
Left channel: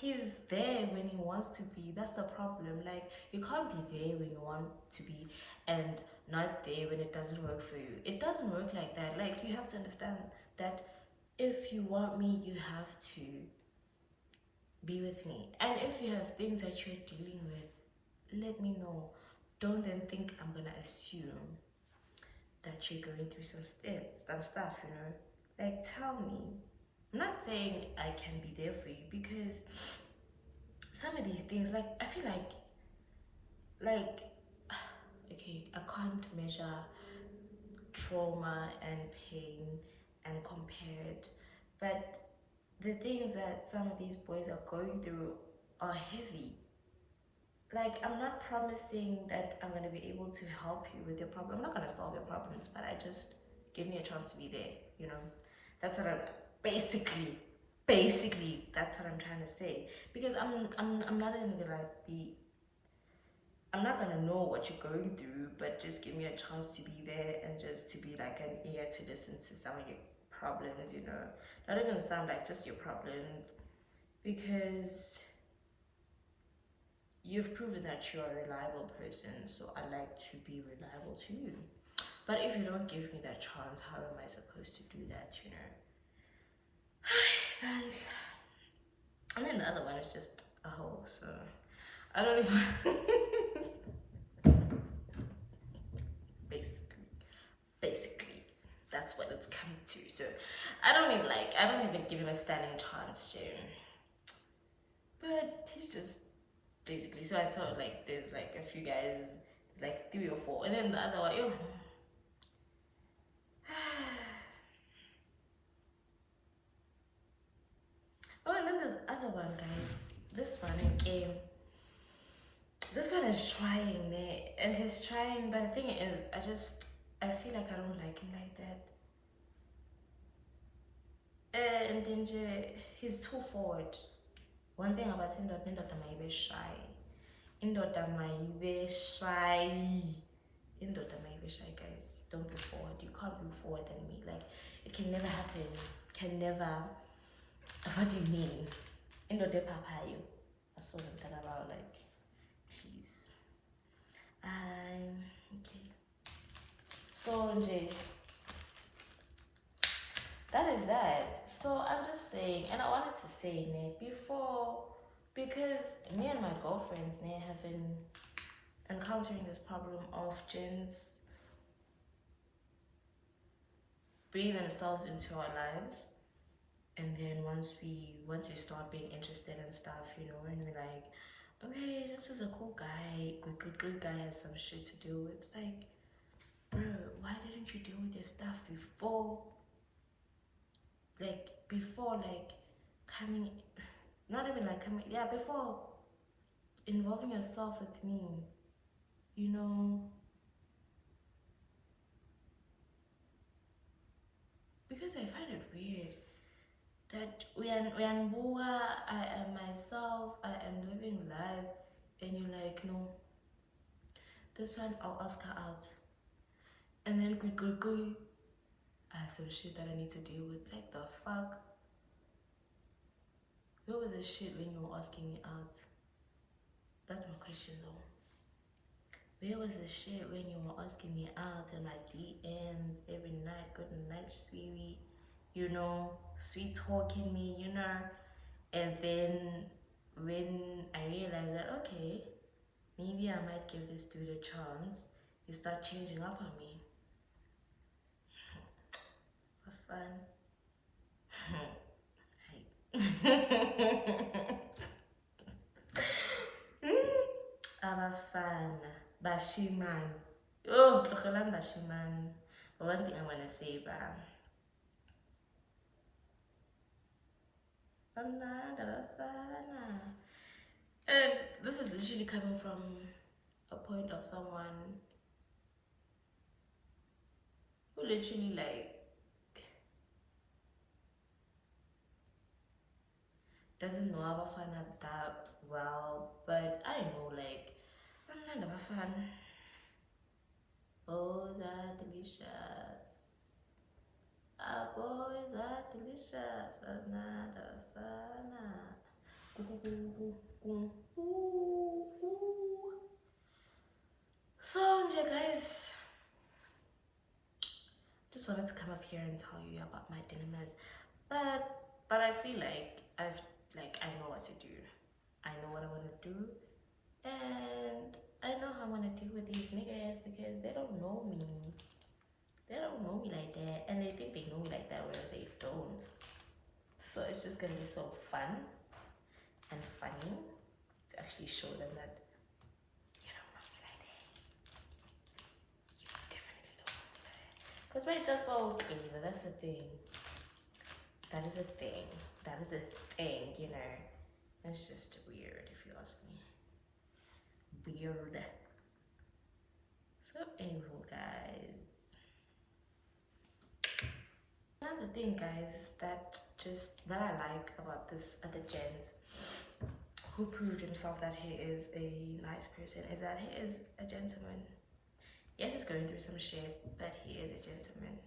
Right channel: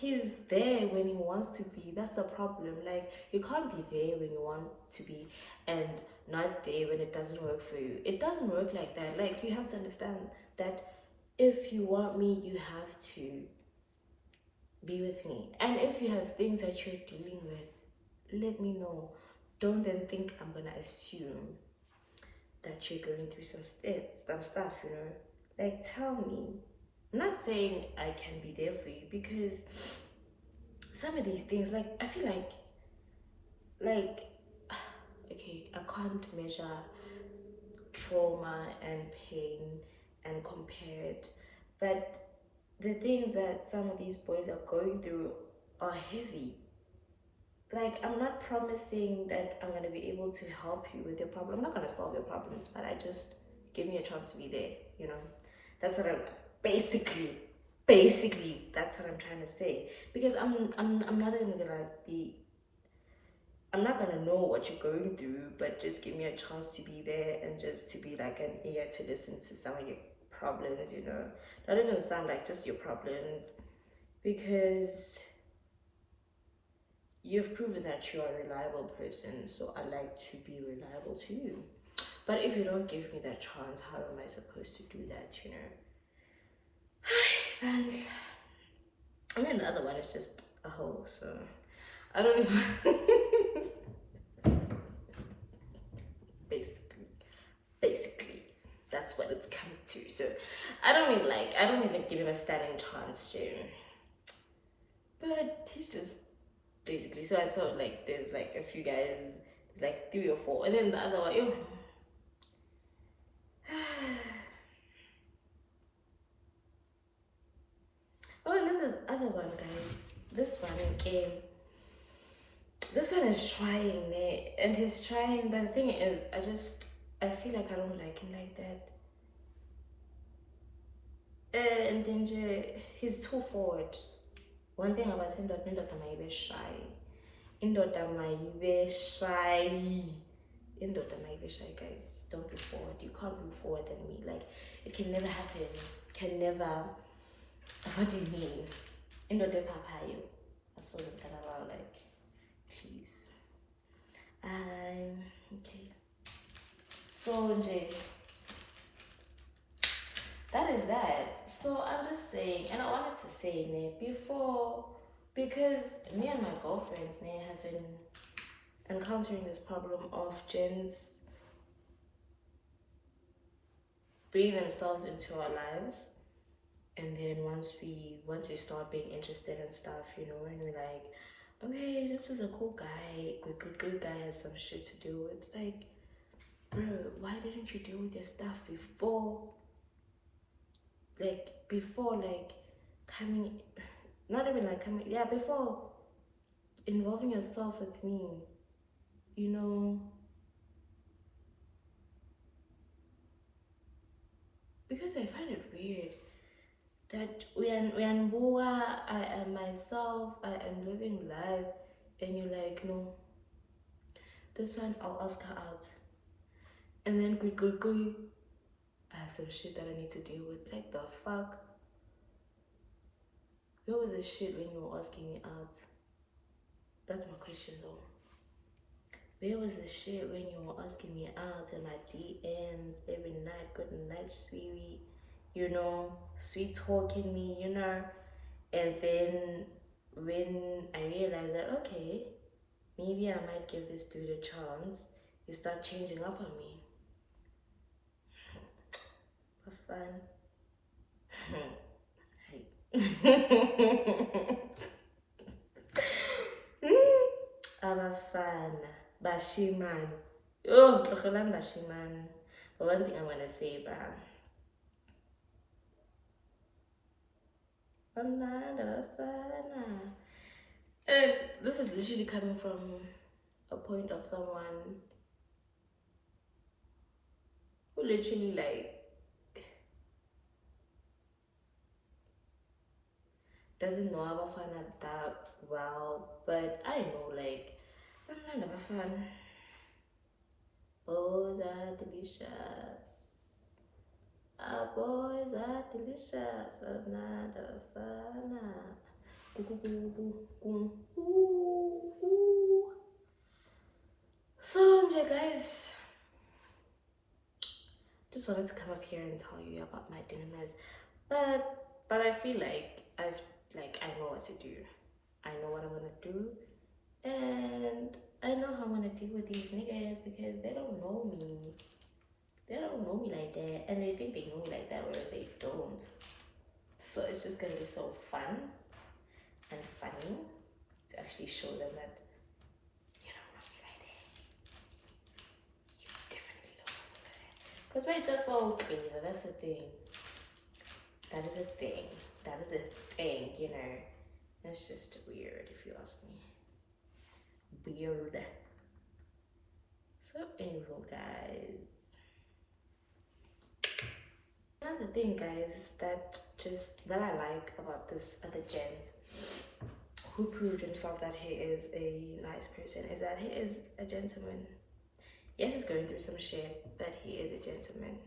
he's there when he wants to be. That's the problem. Like you can't be there when you want to be and not there when it doesn't work for you. It doesn't work like that. Like you have to understand that if you want me, you have to be with me. And if you have things that you're dealing with, let me know. Don't then think I'm gonna assume that you're going through some stuff, you know. Like tell me. I'm not saying I can be there for you, because some of these things, like I feel like okay, I can't measure trauma and pain and compare it, but the things that some of these boys are going through are heavy. Like I'm not promising that I'm going to be able to help you with your problem. I'm not going to solve your problems, but I just give me a chance to be there, you know. That's what I'm basically that's what I'm trying to say, because I'm not even going to be, I'm not going to know what you're going through, but just give me a chance to be there and just to be like an ear to listen to some of your problems, you know. Not even sound like just your problems, because you've proven that you're a reliable person, so I like to be reliable to you. But if you don't give me that chance, how am I supposed to do that, you know? And then the other one is just a hoe, so I don't even basically that's what it's come to. So I don't even give him a standing chance to, but he's just basically. So I thought like there's like a few guys, there's like 3 or 4, and then the other one, yo. Oh, and then there's other one, guys. This one in game. This one is trying, eh? And he's trying, but the thing is, I feel like I don't like him like that. And then he's too forward. One thing about him, indoda mayibe shy. Indoda mayibe shy. Indoda mayibe shy, guys. Don't be forward. You can't be forward than me. Like, it can never happen. Can never. What do you mean? Indoda papayo. I saw them talk about, like, please. Okay. So, Jay. That is that. So I'm just saying, and I wanted to say, before, because me and my girlfriends have been encountering this problem of gents bringing themselves into our lives, and then once we start being interested in stuff, and we're like, okay, this is a cool guy, good guy, has some shit to deal with. Like, bro, why didn't you deal with your stuff before? Like, before, like, coming, not even like coming, yeah, before involving yourself with me, because I find it weird that we are Mboa, I am myself, I am living life, and you're like, no, this one I'll ask her out, and then good, I have some shit that I need to deal with. Like, the fuck? Where was the shit when you were asking me out? That's my question though. Where was the shit when you were asking me out in my DMs every night, good night, sweetie, sweet talking me, and then when I realized that, okay, maybe I might give this dude a chance, you start changing up on me. For fun. Abafana bashiman. Oh, tlogelang bashiman. But one thing I want to say, and this is literally coming from a point of someone who literally, like, doesn't know Abafana that well, but I know, like, Abafana. Boys are delicious. Our boys are delicious. Abafana. So, guys, just wanted to come up here and tell you about my dilemmas, but I feel like I know what to do. I know what I want to do, and I know how I want to deal with these niggas because they don't know me. They don't know me like that, and they think they know me like that, whereas they don't. So it's just gonna be so fun and funny to actually show them that you don't know me like that. You definitely don't know me like that. Because my judge will clear, that's the thing. That is a thing. That is a thing, It's just weird if you ask me. Weird. So anyway, guys. Another thing, guys, that I like about this other gent who proved himself that he is a nice person is that he is a gentleman. Yes, he's going through some shit, but he is a gentleman.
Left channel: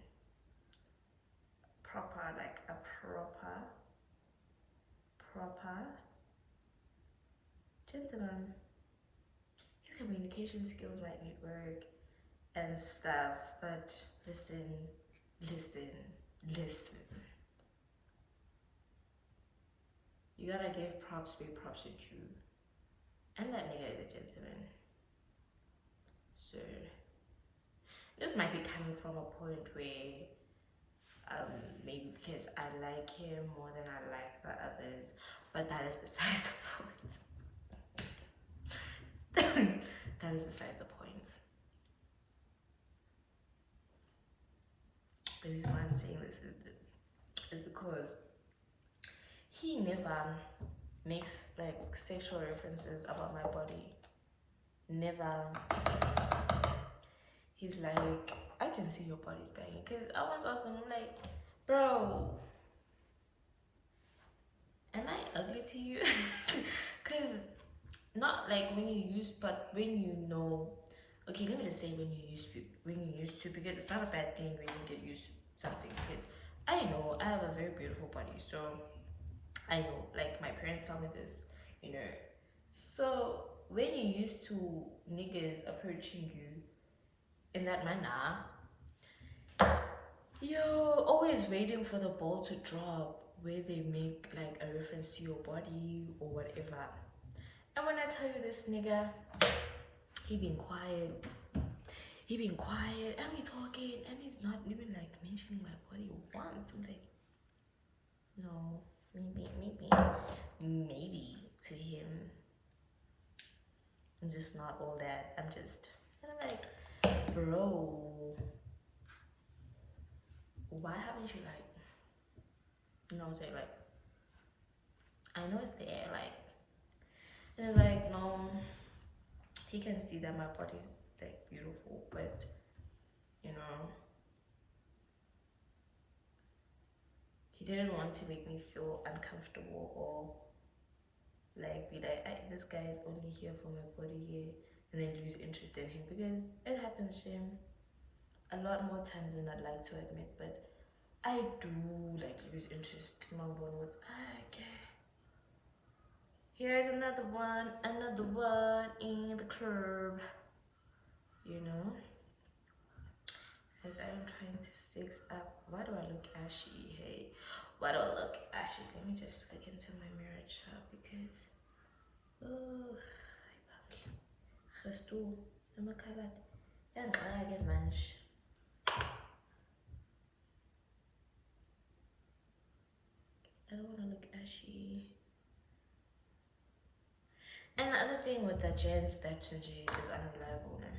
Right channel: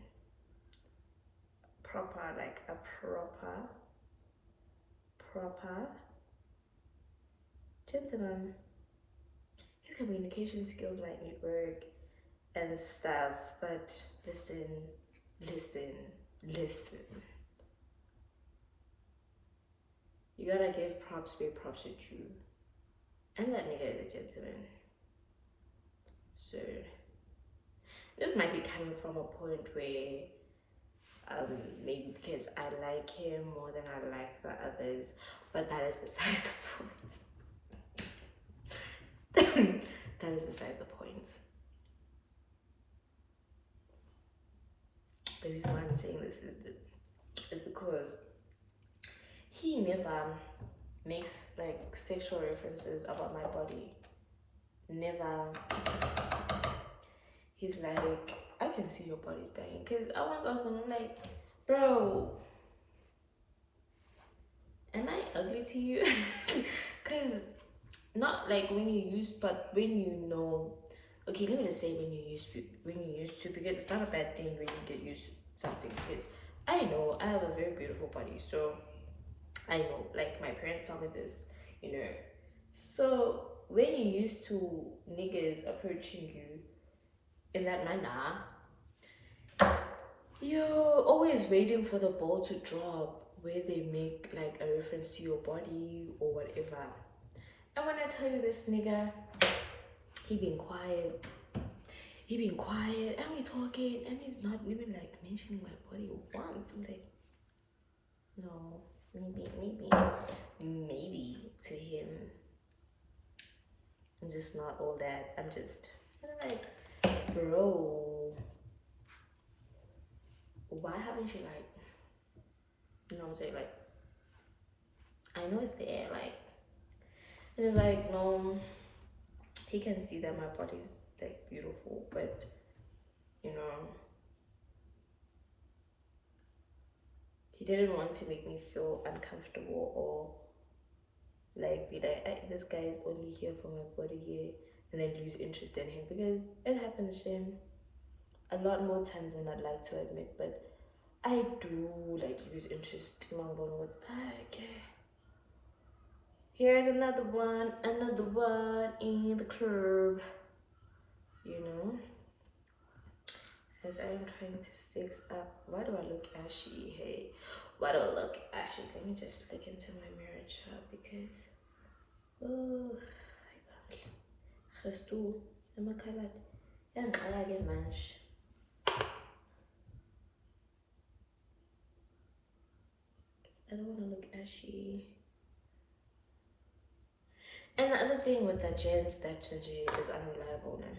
Proper, like a proper gentleman. His communication skills might need work and stuff, but listen. You gotta give props where props are due. And that nigga is a gentleman. So this might be coming from a point where maybe because I like him more than I like the others, but that is besides the point. That is besides the point. The reason why I'm saying this is because he never makes like sexual references about my body. Never. He's like, I can see your body's banging. Because I once asked him, I'm like, bro, am I ugly to you? Because not like when you used, but when you know. Okay, let me just say when you used to, because it's not a bad thing when you get used to something. Because I know I have a very beautiful body, so I know, like my parents tell me this, you know. So when you used to niggas approaching you in that manner, you're always waiting for the ball to drop where they make like a reference to your body or whatever. And when I tell you this nigga, he been quiet, and we talking, and he's not even like mentioning my body once. I'm like, no, maybe to him, I'm just not all that. And I'm like, bro, why haven't you like, you know what I'm saying, like, I know it's there, like, and it's like, no, he can see that my body's like beautiful, but you know, he didn't want to make me feel uncomfortable or like be like, this guy is only here for my body here, and then lose interest in him, because it happens, Shim, a lot more times than I'd like to admit, but I do like lose interest in my body. Okay, here's another one in the club, you know, as I'm trying to fix up. Why do I look ashy? Hey, why do I look ashy? Let me just look into my mirror chart, because oh, Xoxo, I'm a colored. And I get manch. I don't want to look ashy. And the other thing with that gents that Sanjay is unreliable, man.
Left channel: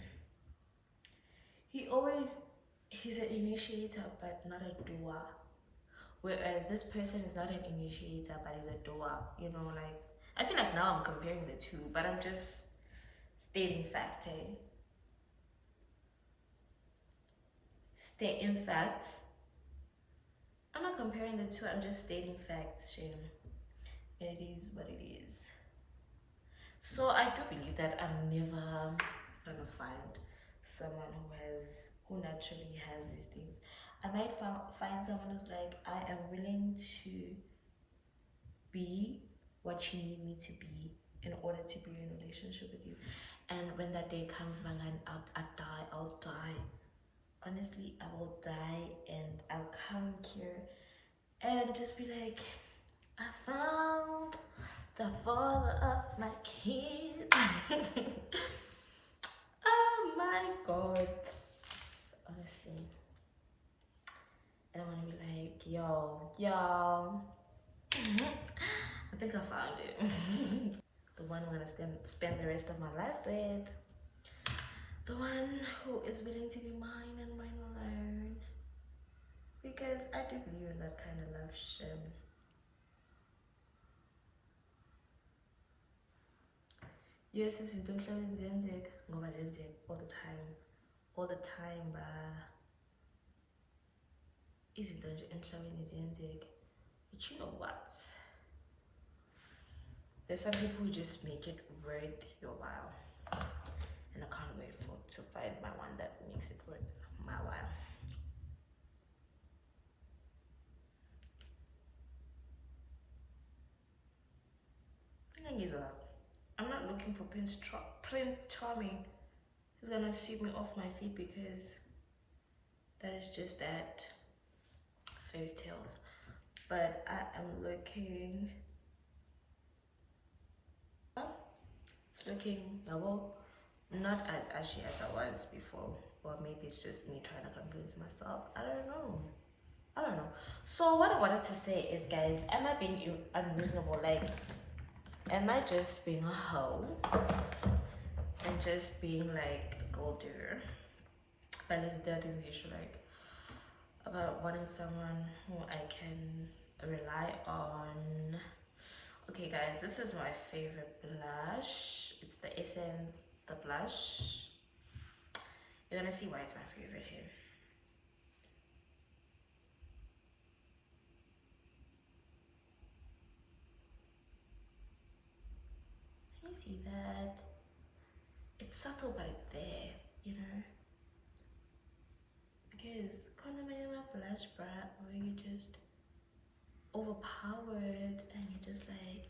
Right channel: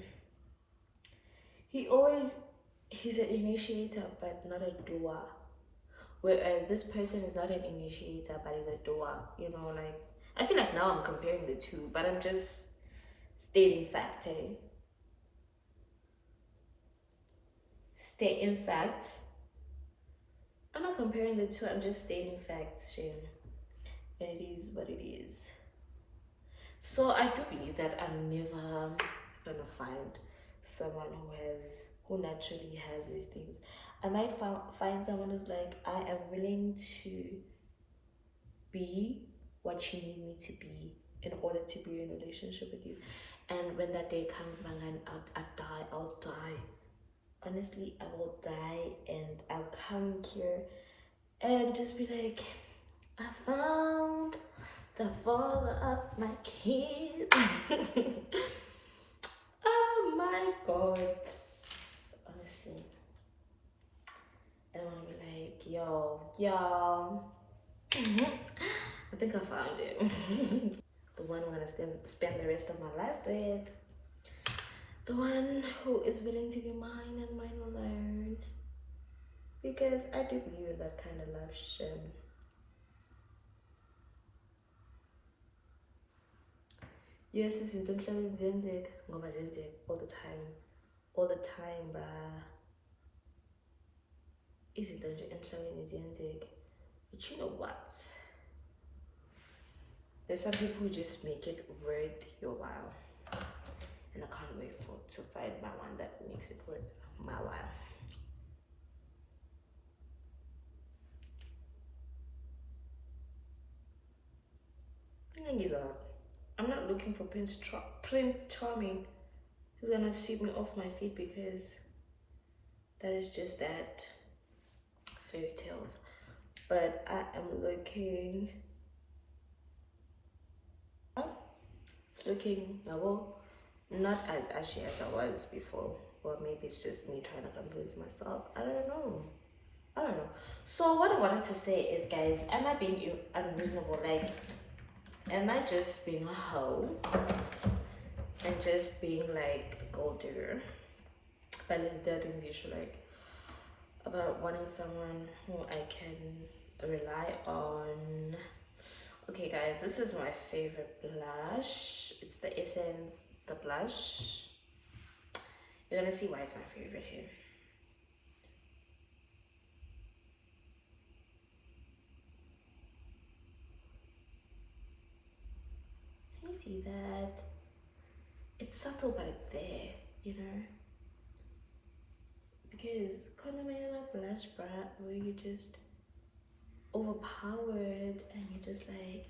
He's an initiator but not a doer. Whereas this person is not an initiator but is a doer. You know, like, I feel like now I'm comparing the two, but I'm just stating facts, hey? Stating facts. I'm not comparing the two, I'm just stating facts, Shane. And it is what it is. So I do believe that I'm never gonna find someone who naturally has these things. I might find someone who's like, I am willing to be what you need me to be in order to be in a relationship with you. And when that day comes, Mlangeni, I'll die. Honestly, I will die, and I'll come here and just be like, I found the father of my kid. Oh my god. Honestly. And I want to be like, yo. I think I found it. The one I'm going to spend the rest of my life with. The one who is willing to be mine and mine alone. Because I do believe in that kind of love, Shim. Yes, izinto emhlabeni ziyenzeka ngoba ziyenzeka all the time, bruh. Izinto nje emhlabeni ziyenzeka. But you know what? There's some people who just make it worth your while. And I can't wait to find my one that makes it worth my while. I'm not looking for Prince Charming who's gonna sweep me off my feet, because that is just that fairy tales. But I am looking looking, well, not as ashy as I was before. Or maybe it's just me trying to convince myself. I don't know. So what I wanted to say is, guys, am I being unreasonable? Like, am I just being a hoe and just being like a gold digger? But there are things you should like about wanting someone who I can rely on. Okay, guys, this is my favorite blush. It's the Essence, the blush. You're gonna see why it's my favorite here. Can you see that? It's subtle, but it's there, you know? Because Konamana blush bruh, where you just overpowered and you're just like,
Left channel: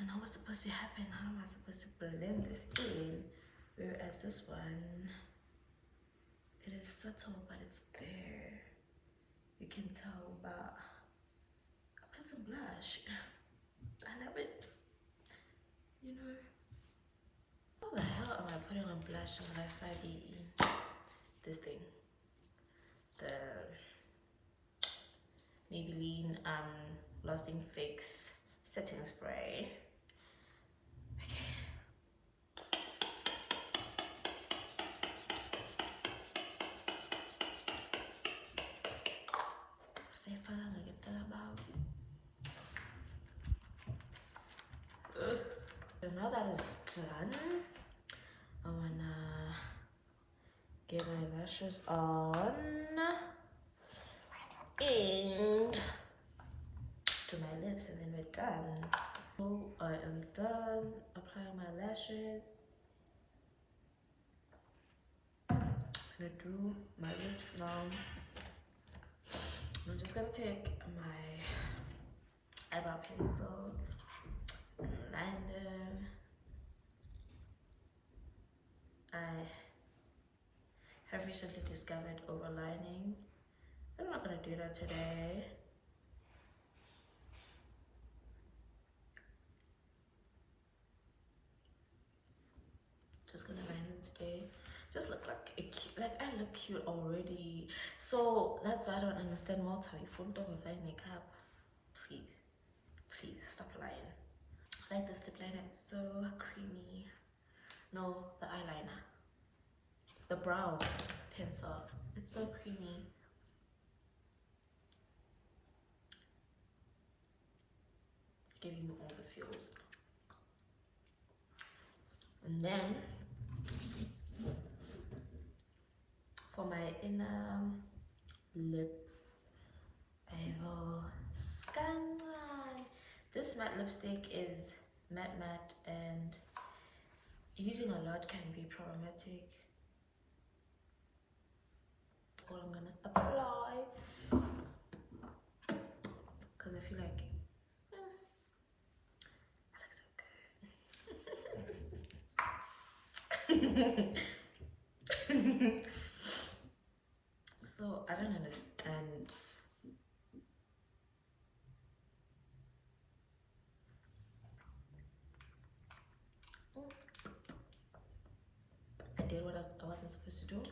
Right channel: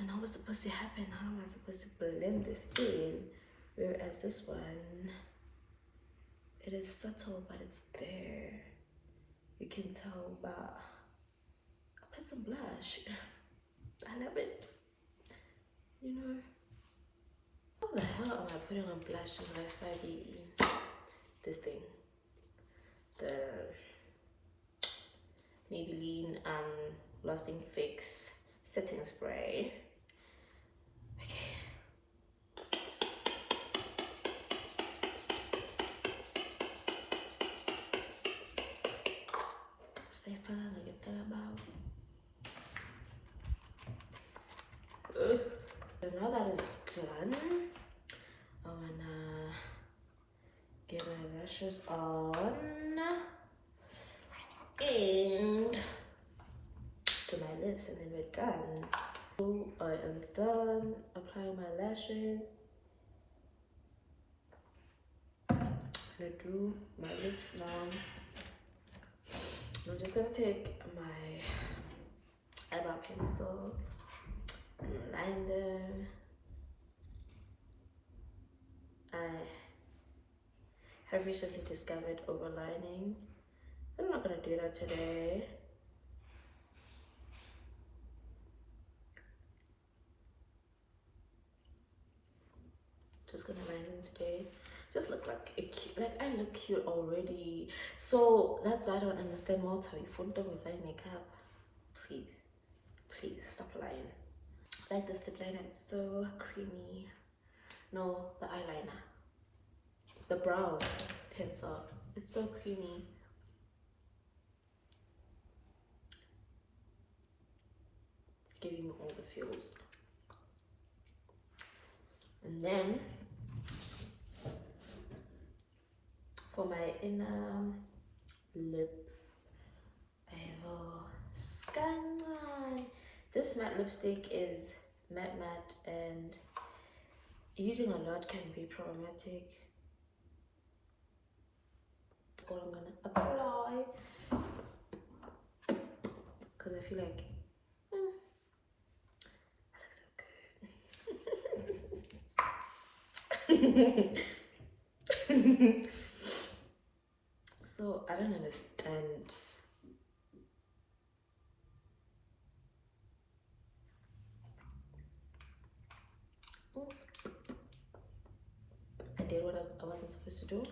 I know what's supposed to happen. How am I supposed to blend this in? Whereas this one, it is subtle, but it's there. You can tell, but I put some blush. I love it. You know. What the hell am I putting on blush when I find this thing? The Maybelline Lasting Fix setting spray. So now that is done, I wanna get my lashes on and to my lips, and then we're done. So I am done applying my lashes. I'm gonna do my lips now. I'm just gonna take my eyebrow pencil and line them. I have recently discovered overlining. I'm not gonna do that today. Just gonna line them today. Just look like I look cute already. So that's why I don't understand Malta. You phone them with makeup. Please stop lying. Like this lip liner, it's so creamy. No, the eyeliner, the brow pencil, it's so creamy. It's giving me all the feels. And then for my inner lip, I will scan on. This matte lipstick is matte, and using a lot can be problematic. All I'm gonna apply, because I feel like I look so good. So I don't understand. I did what I wasn't supposed to do.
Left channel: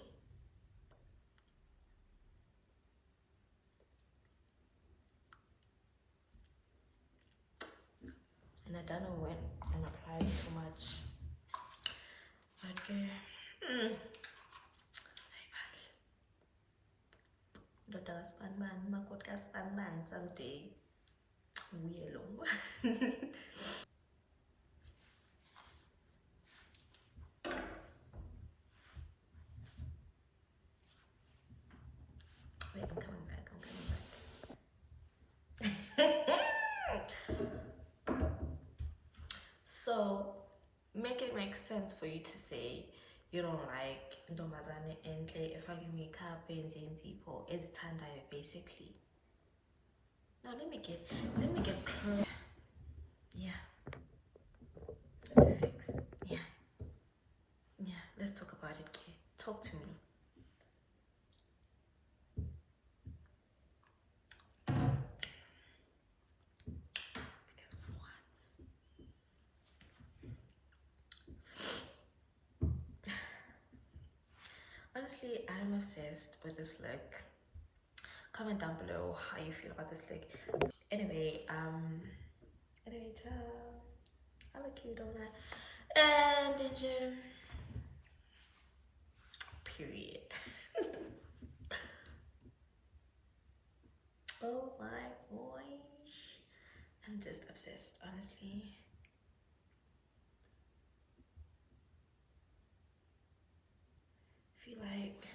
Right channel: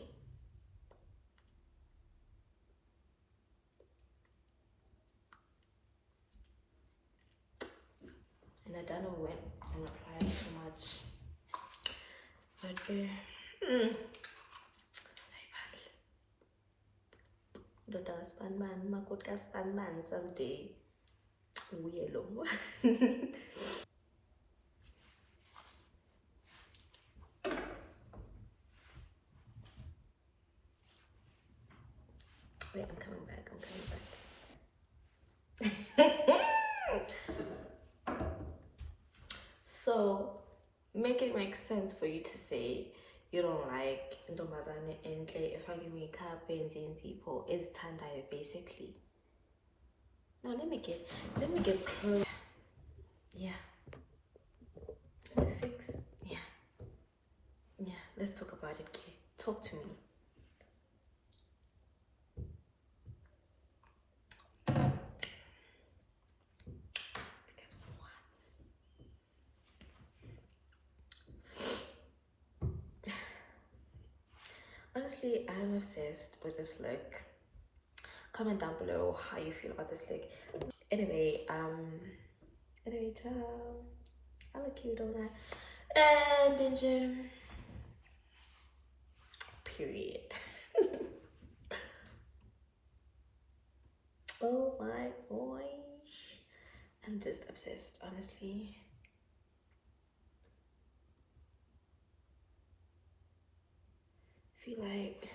And I don't know when I'm applying so much. Okay. Dota span man, makotka span man someday. Weird. Wait, I'm coming back. So make it make sense for you to say you don't like ntombazane entle efake makeup enze insipho ezithandayo basically. Now let me get close. Yeah. Let me fix. Yeah, let's talk about it, Kay. Talk to me. Because what? honestly, I'm obsessed with this look. Comment down below how you feel about this look. Anyway, ciao. I look cute, don't I? And then period. Oh my gosh, I'm just obsessed, honestly. I feel like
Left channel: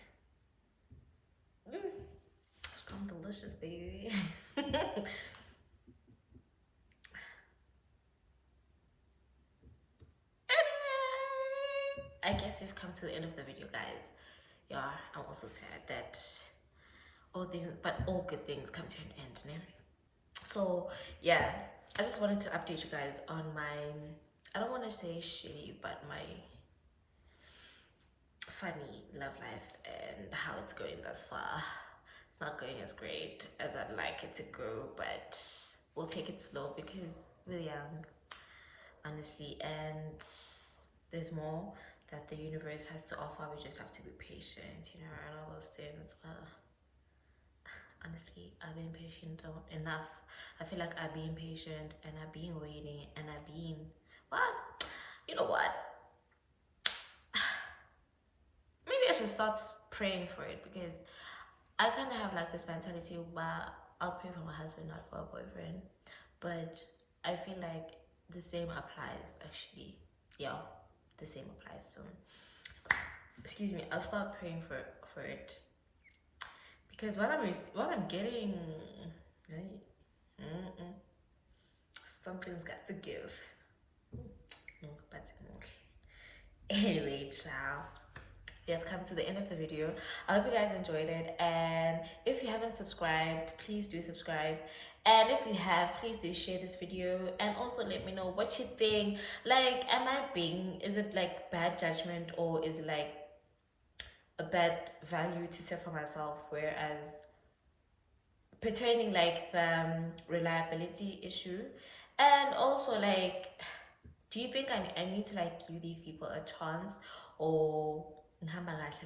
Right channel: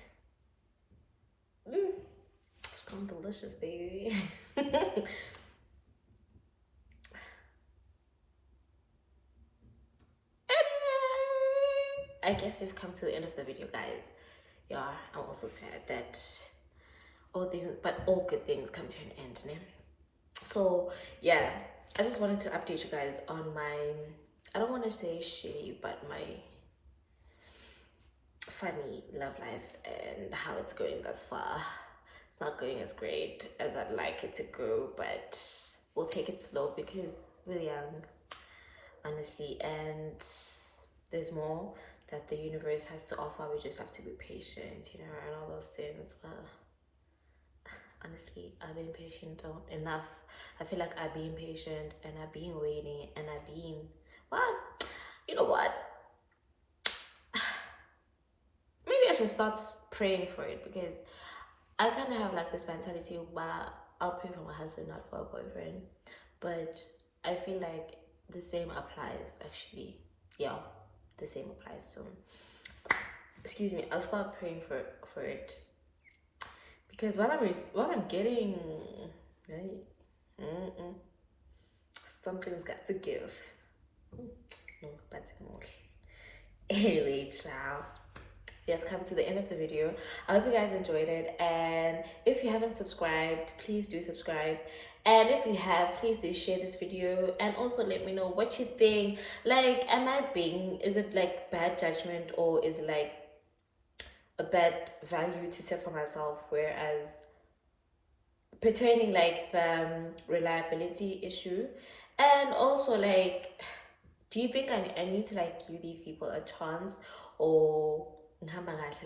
it's gone delicious, baby. I guess we've come to the end of the video, guys. Yeah, I'm also sad that all good things come to an end, né? So yeah, I just wanted to update you guys on my, I don't want to say shitty, but my funny love life and how it's going thus far. It's not going as great as I'd like it to go, but we'll take it slow because we're young, honestly, and there's more that the universe has to offer. We just have to be patient, you know, and all those things. But honestly, I've been patient enough. I feel like I've been patient and I've been waiting and I've been, what? You know what? Maybe I should start praying for it, because I kind of have like this mentality where I'll pray for my husband, not for a boyfriend. But I feel like the same applies, actually. Yeah, the same applies. So, excuse me, I'll start praying for it, because what I'm getting, something's got to give. But anyway, ciao. We have come to the end of the video. I hope you guys enjoyed it, and if you haven't subscribed, please do subscribe, and if you have, please do share this video, and also let me know what you think. Like, is it like bad judgment, or is it like a bad value to set for myself, whereas pertaining like the reliability issue? And also, like, do you think I need to like give these people a chance, or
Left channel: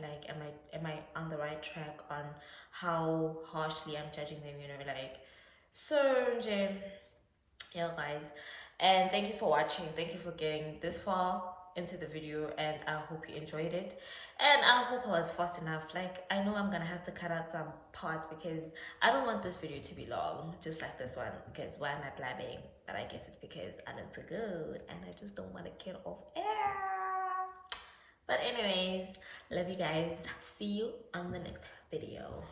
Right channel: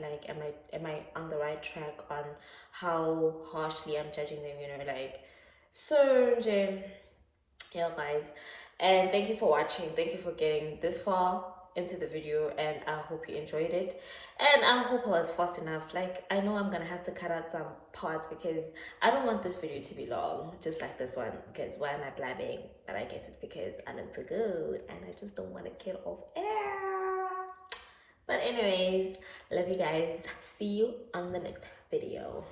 like am I on the right track on how harshly I'm judging them, you know? Like, so yeah, guys, and thank you for watching. Thank you for getting this far into the video, and I hope you enjoyed it, and I hope I was fast enough. Like, I know I'm gonna have to cut out some parts because I don't want this video to be long, just like this one, because why am I blabbing? But I guess it's because I look so good and I just don't want to get off air. But anyways, love you guys. See you on the next video.